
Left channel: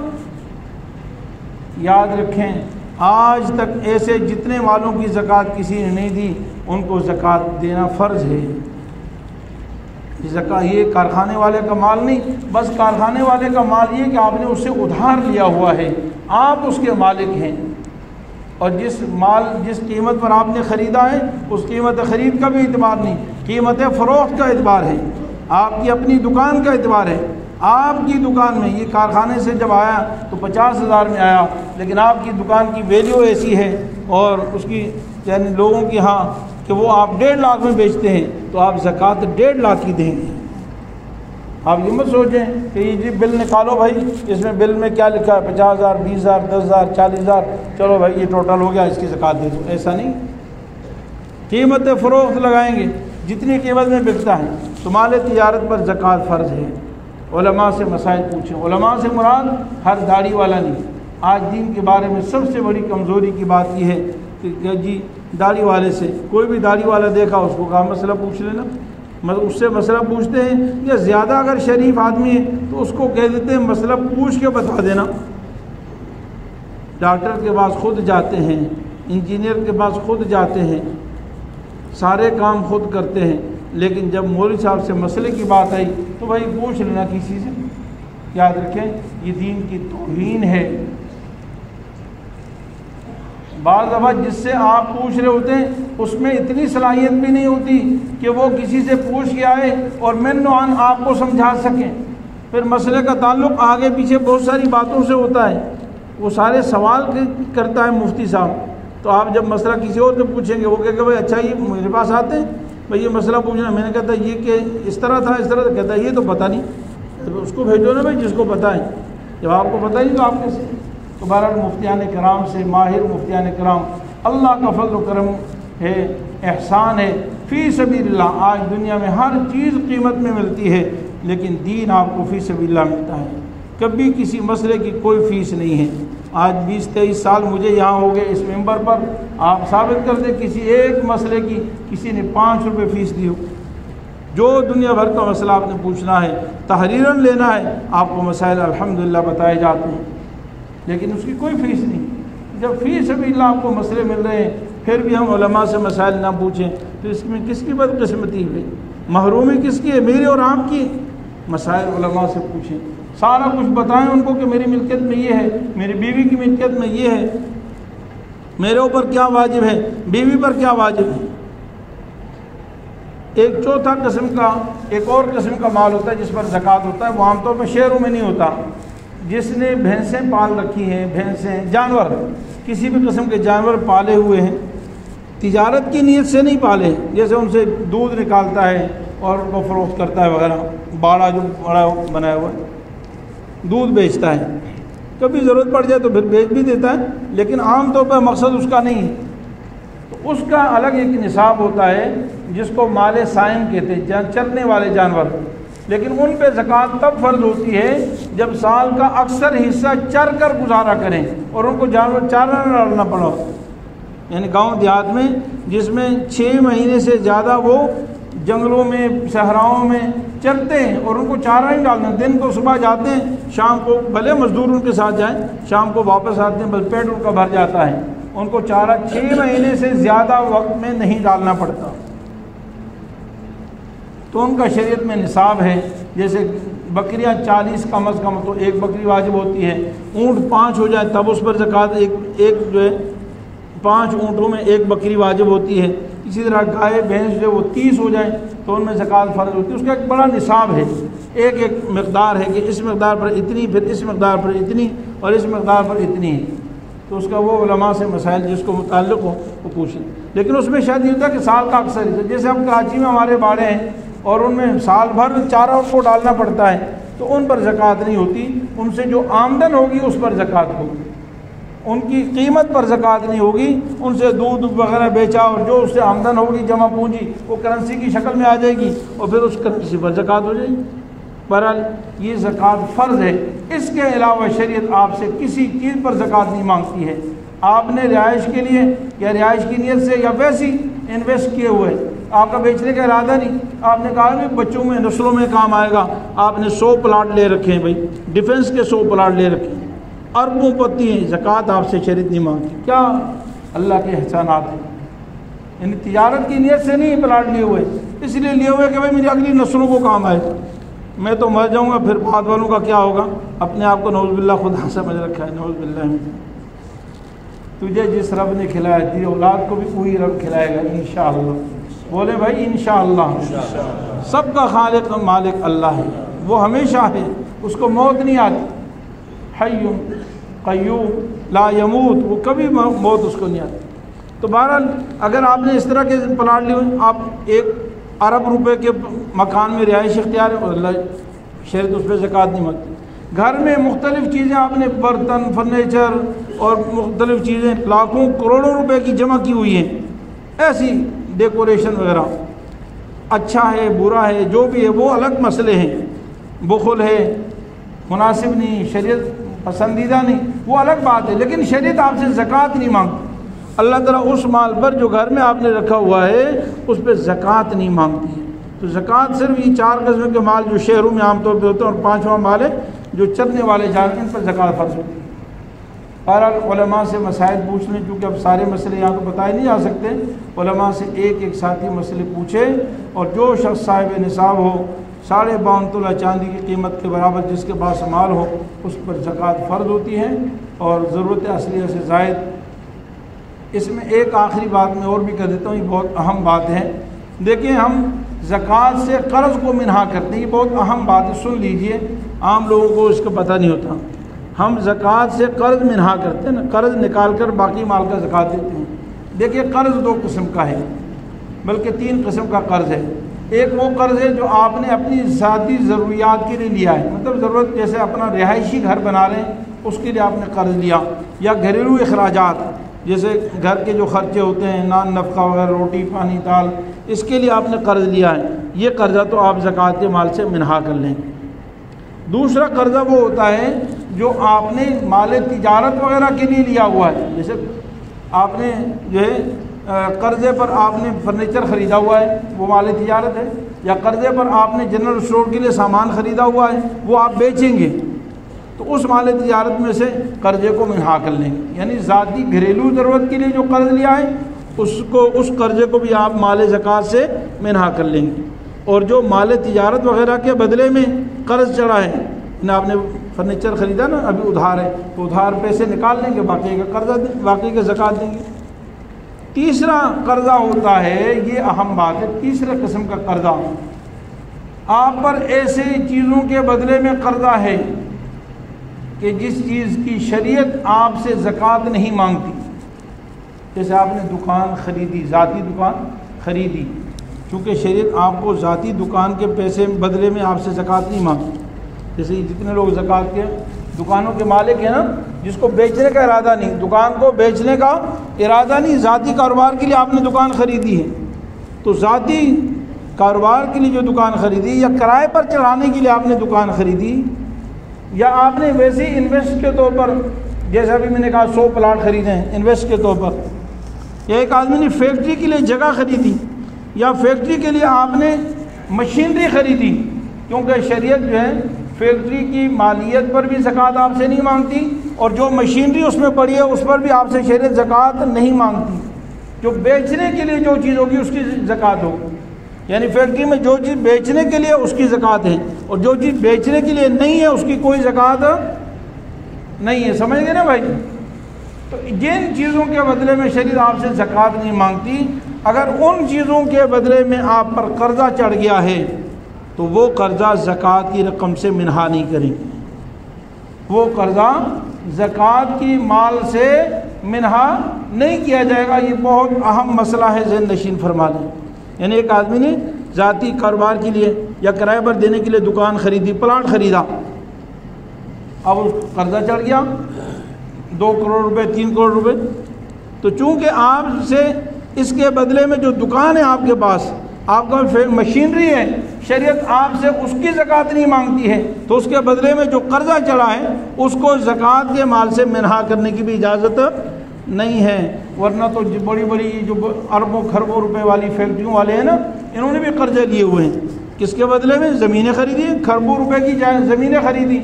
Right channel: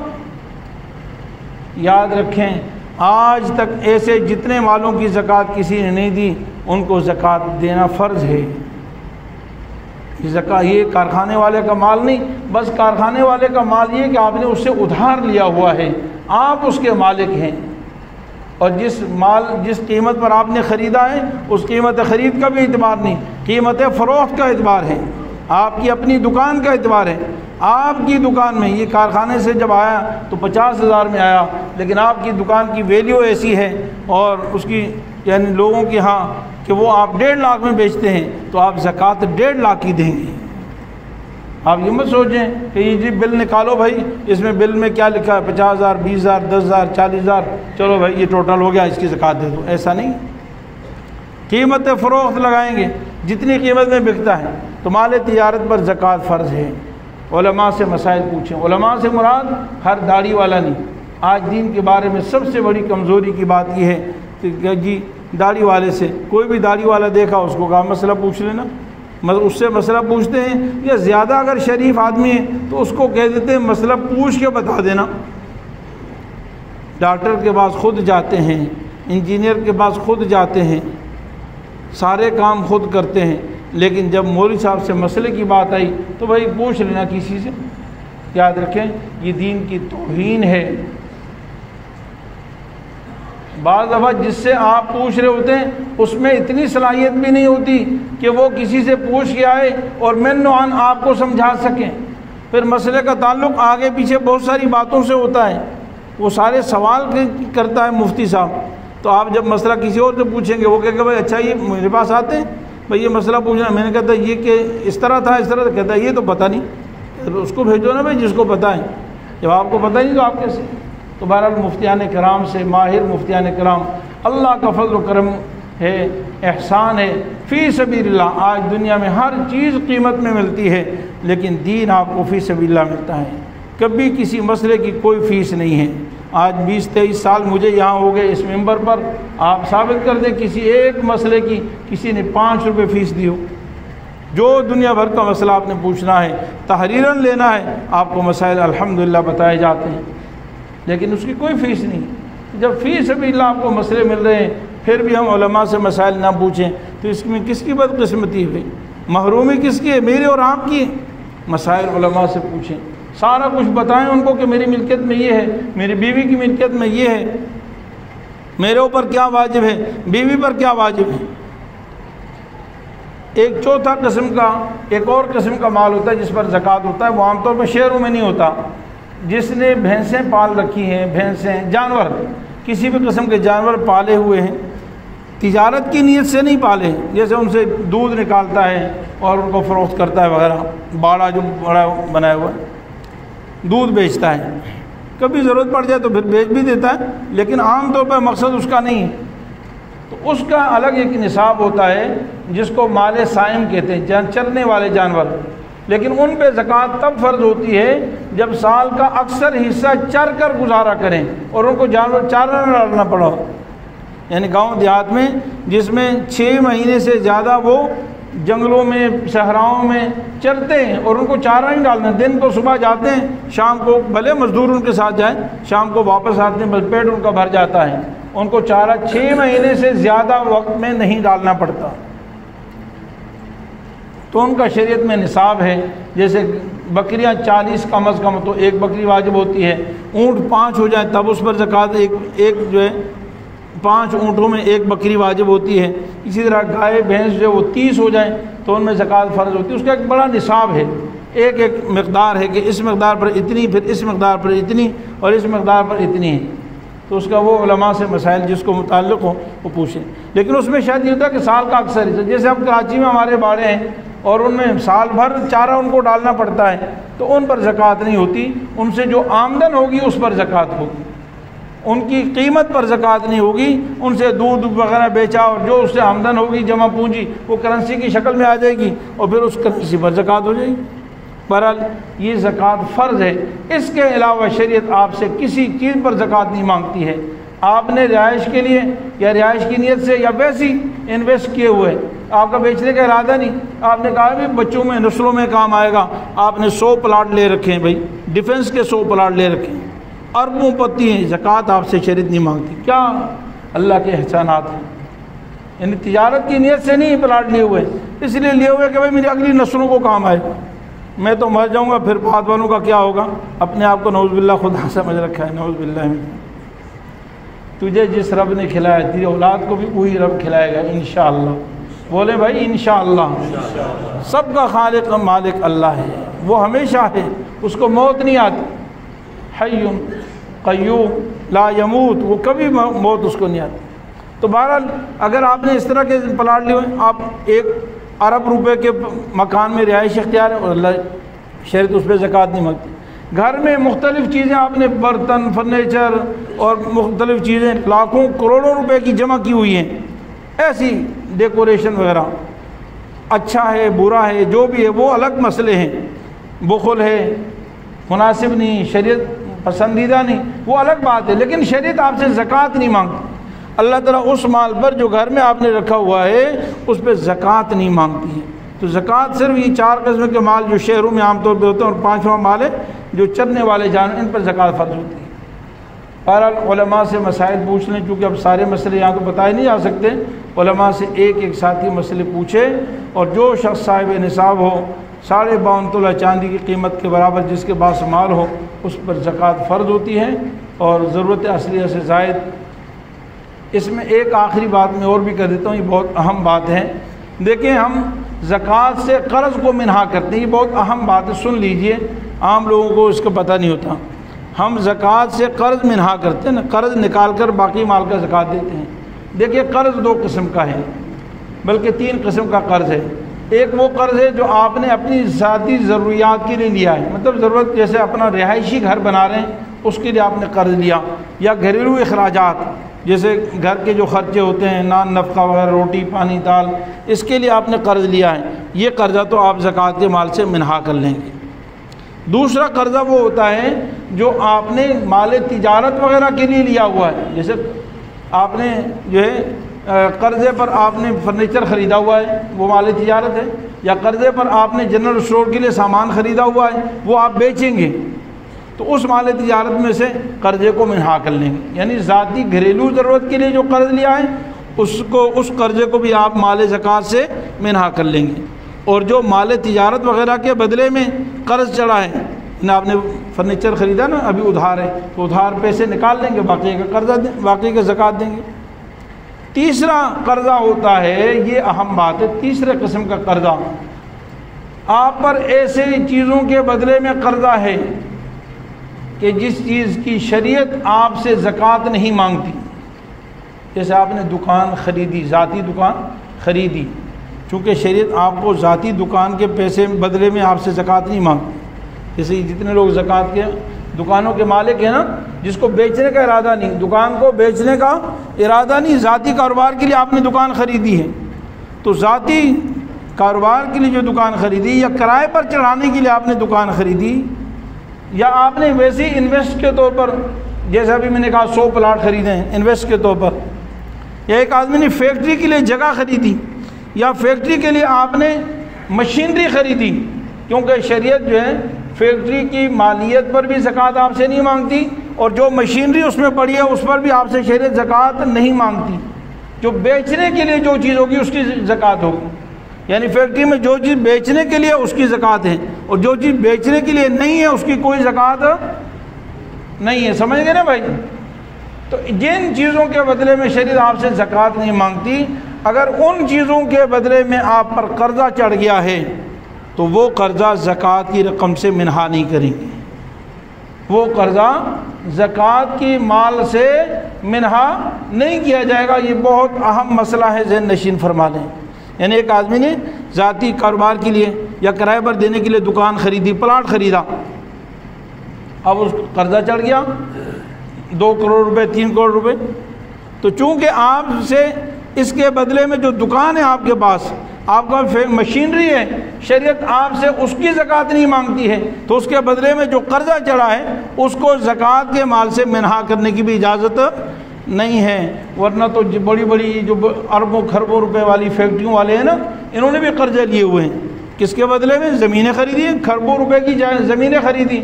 یاد رکھیں آج تک ایسے جتنے والوں کی زکوٰۃ کسی نے نہیں دی ان کو زکوٰۃ دینا فرض ہے. یہ کارخانے والے کا مال نہیں, بس کارخانے والے کا مال یہ کہ آپ نے اس سے ادھار لیا ہوا ہے, آپ اس کے مالک ہیں, اور جس قیمت پر آپ نے خریدا ہے اس قیمت خرید کا بھی اعتبار نہیں, قیمت فروخت کا اعتبار ہے, آپ کی اپنی دکان کا اعتبار ہے. آپ کی دکان میں یہ کارخانے سے جب آیا تو 50,000 میں آیا, لیکن آپ کی دکان کی ویلیو ایسی ہے اور اس کی یعنی لوگوں کی ہاں کہ وہ آپ 1.5 لاکھ میں بیچتے ہیں تو آپ زکوٰۃ 1.5 لاکھ کی دیں گے. آپ یہ مت سوچیں کہ یہ جی بل نکالو بھائی, اس میں بل میں کیا لکھا ہے 50,000 20,000 10,000 40,000, چلو بھائی یہ ٹوٹل ہو گیا اس کی زکوٰۃ دے دو. ایسا نہیں, قیمت فروخت لگائیں گے جتنی قیمت میں بکتا ہے. تو مال تجارت پر زکوٰۃ فرض ہے. علماء سے مسائل پوچھیں. علماء سے مراد ہر داڑھی والا نہیں. آج دین کے بارے میں سب سے بڑی کمزوری کی بات یہ ہے کہ جی داڑھی والے سے کوئی بھی داڑھی والا دیکھا اس کو کہا مسئلہ پوچھ لینا, مطلب اس سے مسئلہ پوچھتے ہیں, یا زیادہ اگر شریف آدمی ہے تو اس کو کہہ دیتے ہیں مسئلہ پوچھ کے بتا دینا. ڈاکٹر کے پاس خود جاتے ہیں, انجینئر کے پاس خود جاتے ہیں, سارے کام خود کرتے ہیں, لیکن جب مولوی صاحب سے مسئلے کی بات آئی تو بھائی پوچھ لینا کسی سے. یاد رکھیں یہ دین کی توہین ہے. بعض دفعہ جس سے آپ پوچھ رہے ہوتے ہیں اس میں اتنی صلاحیت بھی نہیں ہوتی کہ وہ کسی سے پوچھ کے آئے اور من عن آپ کو سمجھا سکیں. پھر مسئلے کا تعلق آگے پیچھے بہت ساری باتوں سے ہوتا ہے, وہ سارے سوال کرتا ہے مفتی صاحب. تو آپ جب مسئلہ کسی اور سے پوچھیں گے وہ کہے گا بھائی اچھا یہ میرے پاس آتے ہیں بھائی یہ مسئلہ پوچھنا. میں نے کہتا یہ کہ اس طرح تھا اس طرح, کہتا ہے یہ تو پتہ نہیں, اس کو بھیجو نا بھائی جس کو پتہ ہے. جب آپ کو پتہ نہیں تو آپ کیسے. تو بہرحال مفتیان کرام سے, ماہر مفتیان کرام, اللہ کا فضل و کرم ہے, احسان ہے. فی سبیل اللہ آج دنیا میں ہر چیز قیمت میں ملتی ہے, لیکن دین آپ کو فی سبیل اللہ ملتا ہے. کبھی کسی مسئلے کی کوئی فیس نہیں ہے. آج 20-23 سال مجھے یہاں ہو گئے اس ممبر پر, آپ ثابت کر دیں کسی ایک مسئلے کی کسی نے 5 روپے فیس دی ہو. جو دنیا بھر کا مسئلہ آپ نے پوچھنا ہے, تحریراً لینا ہے, آپ کو مسائل الحمدللہ بتائے جاتے ہیں, لیکن اس کی کوئی فیس نہیں. جب فی سبیل اللہ آپ کو مسئلے مل رہے ہیں پھر بھی ہم علماء سے مسائل نہ پوچھیں تو اس میں کس کی بدقسمتی ہوئی, محرومی کس کی ہے, میرے اور آپ کی. مسائل علماء سے پوچھیں, سارا کچھ بتائیں ان کو کہ میری ملکیت میں یہ ہے, میری بیوی کی ملکیت میں یہ ہے, میرے اوپر کیا واجب ہے, بیوی پر کیا واجب ہے. ایک چوتھا قسم کا, ایک اور قسم کا مال ہوتا ہے جس پر زکوٰۃ ہوتا ہے, وہ عام طور پر شہروں میں نہیں ہوتا. جس نے بھینسیں پال رکھی ہیں, بھینسیں, جانور, کسی بھی قسم کے جانور پالے ہوئے ہیں, تجارت کی نیت سے نہیں پالے, جیسے ان سے دودھ نکالتا ہے اور ان کو فروخت کرتا ہے وغیرہ, باڑا جو بڑا بنایا ہوا دودھ بیچتا ہے, کبھی ضرورت پڑ جائے تو پھر بیچ بھی دیتا ہے, لیکن عام طور پر مقصد اس کا نہیں ہے. تو اس کا الگ ایک نصاب ہوتا ہے جس کو مال سائم کہتے ہیں, چرنے والے جانور. لیکن ان پہ زکوٰۃ تب فرض ہوتی ہے جب سال کا اکثر حصہ چر کر گزارا کریں اور ان کو جانور چارہ نہ ڈالنا پڑا. یعنی گاؤں دیہات میں جس میں 6 مہینے سے زیادہ وہ جنگلوں میں, صحراؤں میں چرتے ہیں اور ان کو چارہ نہیں ڈالنا. دن کو صبح جاتے ہیں, شام کو بھلے مزدور ان کے ساتھ جائیں, شام کو واپس آتے ہیں, بس پیٹ ان کا بھر جاتا ہے. ان کو چارہ 6 مہینے سے زیادہ وقت میں نہیں ڈالنا پڑتا. تو ان کا شریعت میں نصاب ہے. جیسے بکریاں 40 کم از کم تو ایک بکری واجب ہوتی ہے. اونٹ 5 ہو جائے تب اس پر زکوٰۃ ایک جو ہے 5 اونٹوں میں ایک بکری واجب ہوتی ہے. اسی طرح گائے بھینس جو وہ 30 ہو جائیں تو ان میں زکوٰۃ فرض ہوتی ہے. اس کا ایک بڑا نصاب ہے, ایک ایک مقدار ہے کہ اس مقدار پر اتنی, پھر اس مقدار پر اتنی, اور اس مقدار پر اتنی ہے. تو اس کا وہ علماء سے مسائل جس کو متعلق ہو وہ پوچھیں. لیکن اس میں شاید یہ ہوتا ہے کہ سال کا اکثر ہے, جیسے اب کراچی میں ہمارے باڑے ہیں اور ان میں سال بھر چارہ ان کو ڈالنا پڑتا ہے, تو ان پر زکوٰۃ نہیں ہوتی. ان سے جو آمدن ہوگی اس پر زکوٰۃ ہوگی, ان کی قیمت پر زکوٰۃ نہیں ہوگی. ان سے دودھ وغیرہ بیچا اور جو اس سے آمدن ہوگی جمع پونجی وہ کرنسی کی شکل میں آ جائے گی اور پھر اس کرنسی پر زکوٰۃ ہو جائے گی. بہرحال یہ زکوٰۃ فرض ہے. اس کے علاوہ شریعت آپ سے کسی چیز پر زکوٰۃ نہیں مانگتی ہے. آپ نے رہائش کے لیے یا رہائش کی نیت سے یا ویسی انویسٹ کیے ہوئے, آپ کا بیچنے کا ارادہ نہیں, آپ نے کہا کہ بچوں میں نسلوں میں کام آئے گا, آپ نے 100 پلاٹ لے رکھے ہیں, بھائی ڈیفنس کے 100 پلاٹ لے رکھے ہیں, اربوں پتی ہیں, زکوٰۃ آپ سے شریعت نہیں مانگتی. کیا اللہ کے احسانات ہیں. یعنی تجارت کی نیت سے نہیں پلاٹ لیے ہوئے, اس لیے لیے ہوئے کہ بھائی میری اگلی نسلوں کو کام آئے. میں تو مر جاؤں گا, پھر بعد والوں کا کیا ہوگا. اپنے آپ کو نعوذ باللہ خدا سمجھ رکھا ہے, نعوذ باللہ. تجھے جس رب نے کھلایا تیری اولاد کو بھی وہی رب کھلائے گا انشاءاللہ. بولے بھائی انشاءاللہ. سب کا خالق و مالک اللہ ہے, وہ ہمیشہ ہے, اس کو موت نہیں آتی. حی قیوم لا یموت, وہ کبھی موت اس کو نہیں آتی. تو بہرحال اگر آپ نے اس طرح کے پلاٹ لیے ہوئے, آپ 1 ارب روپے کے مکان میں رہائش اختیار ہے اور اللہ شریعت اس پہ زکوٰۃ نہیں مانگتی. گھر میں مختلف چیزیں آپ نے برتن, فرنیچر اور مختلف چیزیں لاکھوں کروڑوں روپے کی جمع کی ہوئی ہیں, ایسی ڈیکوریشن وغیرہ, اچھا ہے برا ہے جو بھی ہے وہ الگ مسئلے ہیں. بخل ہے, مناسب نہیں, شریعت پسندیدہ نہیں, وہ الگ بات ہے. لیکن شریعت آپ سے زکوٰۃ نہیں مانگتی. اللہ تعالیٰ اس مال پر جو گھر میں آپ نے رکھا ہوا ہے اس پہ زکوٰۃ نہیں مانگتی ہے. تو زکوٰۃ صرف یہ 4 قسم کے مال جو شہروں میں عام طور پہ ہوتے ہیں, اور 5واں مال ہے جو چرنے والے جانور, ان پر زکوٰۃ فرض ہوتی ہے. بہرحال علماء سے مسائل پوچھ لیں, چونکہ اب سارے مسئلے یہاں تو بتائے نہیں جا سکتے. علماء سے ایک ایک ساتھی مسئلے پوچھے, اور جو شخص صاحب نصاب ہو, 52.5 تولہ چاندی کی قیمت کے برابر جس کے پاس مال ہو, اس پر زکوٰۃ فرض ہوتی ہے, اور ضرورت اصلیہ سے زائد. اس میں ایک آخری بات میں اور بھی کر دیتا ہوں, یہ بہت اہم بات ہے. دیکھیں, ہم زکوٰۃ سے قرض کو منہا کرتے ہیں, یہ بہت اہم بات ہے, سن لیجئے. عام لوگوں کو اس کا پتہ نہیں ہوتا. ہم زکوٰۃ سے قرض منہا کرتے ہیں نا, قرض نکال کر باقی مال کا زکوٰۃ دیتے ہیں. دیکھیے, قرض 2 قسم کا ہے, بلکہ 3 قسم کا قرض ہے. ایک وہ قرض ہے جو آپ نے اپنی ذاتی ضروریات کے لیے لیا ہے, مطلب ضرورت, جیسے اپنا رہائشی گھر بنا رہے ہیں اس کے لیے آپ نے قرض لیا, یا گھریلو اخراجات جیسے گھر کے جو خرچے ہوتے ہیں, نان نفقہ وغیرہ, روٹی پانی دال, اس کے لیے آپ نے قرض لیا ہے. یہ قرضہ تو آپ زکوٰۃ کے مال سے منہا کر لیں گے. دوسرا قرضہ وہ ہوتا ہے جو آپ نے مال تجارت وغیرہ کے لیے لیا ہوا ہے, جیسے آپ نے جو ہے قرضے پر آپ نے فرنیچر خریدا ہوا ہے, وہ مال تجارت ہے. یا قرضے پر آپ نے جنرل اسٹور کے لیے سامان خریدا ہوا ہے, وہ آپ بیچیں گے, تو اس مال تجارت میں سے قرضے کو منہا کر لیں گے. یعنی ذاتی گھریلو ضرورت کے لیے جو قرض لیا ہے اس قرضے کو بھی آپ مال زکوٰۃ سے منہا کر لیں گے. اور جو مال تجارت وغیرہ کے بدلے میں قرض چڑھا ہے, آپ نے فرنیچر خریدا نا, ابھی ادھار ہے, تو ادھار پیسے نکال لیں گے, باقی کا قرضہ باقی کا زکوٰۃ دیں گے. تیسرا قرضہ ہوتا ہے, یہ اہم بات ہے, تیسرے قسم کا قرضہ, آپ پر ایسے چیزوں کے بدلے میں قرضہ ہے کہ جس چیز کی شریعت آپ سے زکوٰۃ نہیں مانگتی. جیسے آپ نے دکان خریدی, ذاتی دکان خریدی, چونکہ شریعت آپ کو ذاتی دکان کے پیسے بدلے میں آپ سے زکوٰۃ نہیں مانگتی. جیسے جتنے لوگ زکوٰۃ کے دکانوں کے مالک ہیں نا, جس کو بیچنے کا ارادہ نہیں, دکان کو بیچنے کا ارادہ نہیں, ذاتی کاروبار کے لیے آپ نے دکان خریدی ہے, تو ذاتی کاروبار کے لیے جو دکان خریدی, یا کرائے پر چڑھانے کے لیے آپ نے دکان خریدی, یا آپ نے ویسے انویسٹ کے طور پر, جیسا بھی میں نے کہا 100 پلاٹ خریدے ہیں انویسٹ کے طور پر, یا ایک آدمی نے فیکٹری کے لیے جگہ خریدی, یا فیکٹری کے لیے آپ نے مشینری خریدی, کیونکہ شریعت جو ہے فیکٹری کی مالیت پر بھی زکوٰۃ آپ سے نہیں مانگتی, اور جو مشینری اس میں پڑی ہے اس پر بھی آپ سے شریعت زکوٰۃ نہیں مانگتی. جو بیچنے کے لیے جو چیز ہوگی اس کی زکوٰۃ ہوگی. یعنی فیکٹری میں جو چیز بیچنے کے لیے اس کی زکوٰۃ ہے, اور جو چیز بیچنے کے لیے نہیں ہے اس کی کوئی زکوٰۃ نہیں ہے. سمجھ گئے نا بھائی؟ تو جن چیزوں کے بدلے میں شریعت آپ سے زکوٰۃ نہیں مانگتی, اگر ان چیزوں کے بدلے میں آپ پر قرضہ چڑھ گیا ہے تو وہ قرضہ زکوٰۃ کی رقم سے منہا نہیں کریں گے، وہ قرضہ زکوٰۃ کی مال سے منہا نہیں کیا جائے گا۔ یہ بہت اہم مسئلہ ہے، ذہن نشین فرما دیں۔ یعنی ایک آدمی نے ذاتی کاروبار کے لیے یا کرائے پر دینے کے لیے دکان خریدی، پلاٹ خریدا، اب اس قرضہ چڑھ گیا 2 کروڑ روپے 3 کروڑ روپے، تو چونکہ آپ سے اس کے بدلے میں جو دکان ہے آپ کے پاس، آپ کا مشینری ہے، شریعت آپ سے اس کی زکوٰۃ نہیں مانگتی ہے، تو اس کے بدلے میں جو قرضہ چڑھا ہے اس کو زکوٰۃ کے مال سے منہا کرنے کی بھی اجازت نہیں ہے۔ ورنہ تو بڑی بڑی جو اربوں خربوں روپے والی فیکٹریوں والے ہیں نا، انہوں نے بھی قرضے لیے ہوئے ہیں، کس کے بدلے میں؟ زمینیں خریدی ہیں، خربوں روپے کی زمینیں خریدی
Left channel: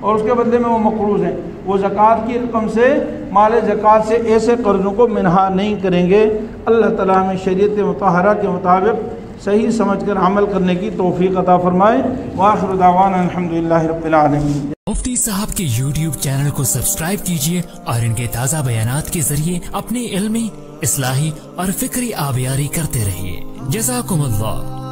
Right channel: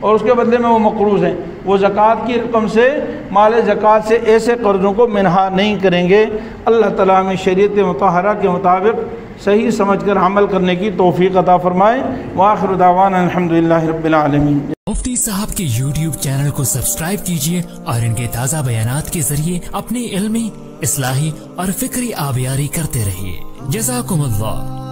اور اس کے بدلے میں وہ مقروض ہیں، وہ زکوٰۃ کی رقم سے، مال زکوٰۃ سے ایسے قرضوں کو منہا نہیں کریں گے۔ اللہ تعالیٰ میں شریعت مطہرہ کے مطابق صحیح سمجھ کر عمل کرنے کی توفیق عطا فرمائے۔ وآخر دعوانا الحمدللہ رب العالمین۔ مفتی صاحب کے YouTube چینل کو سبسکرائب کیجئے اور ان کے تازہ بیانات کے ذریعے اپنی علمی، اصلاحی اور فکری آبیاری کرتے رہیے۔ جزاکم اللہ۔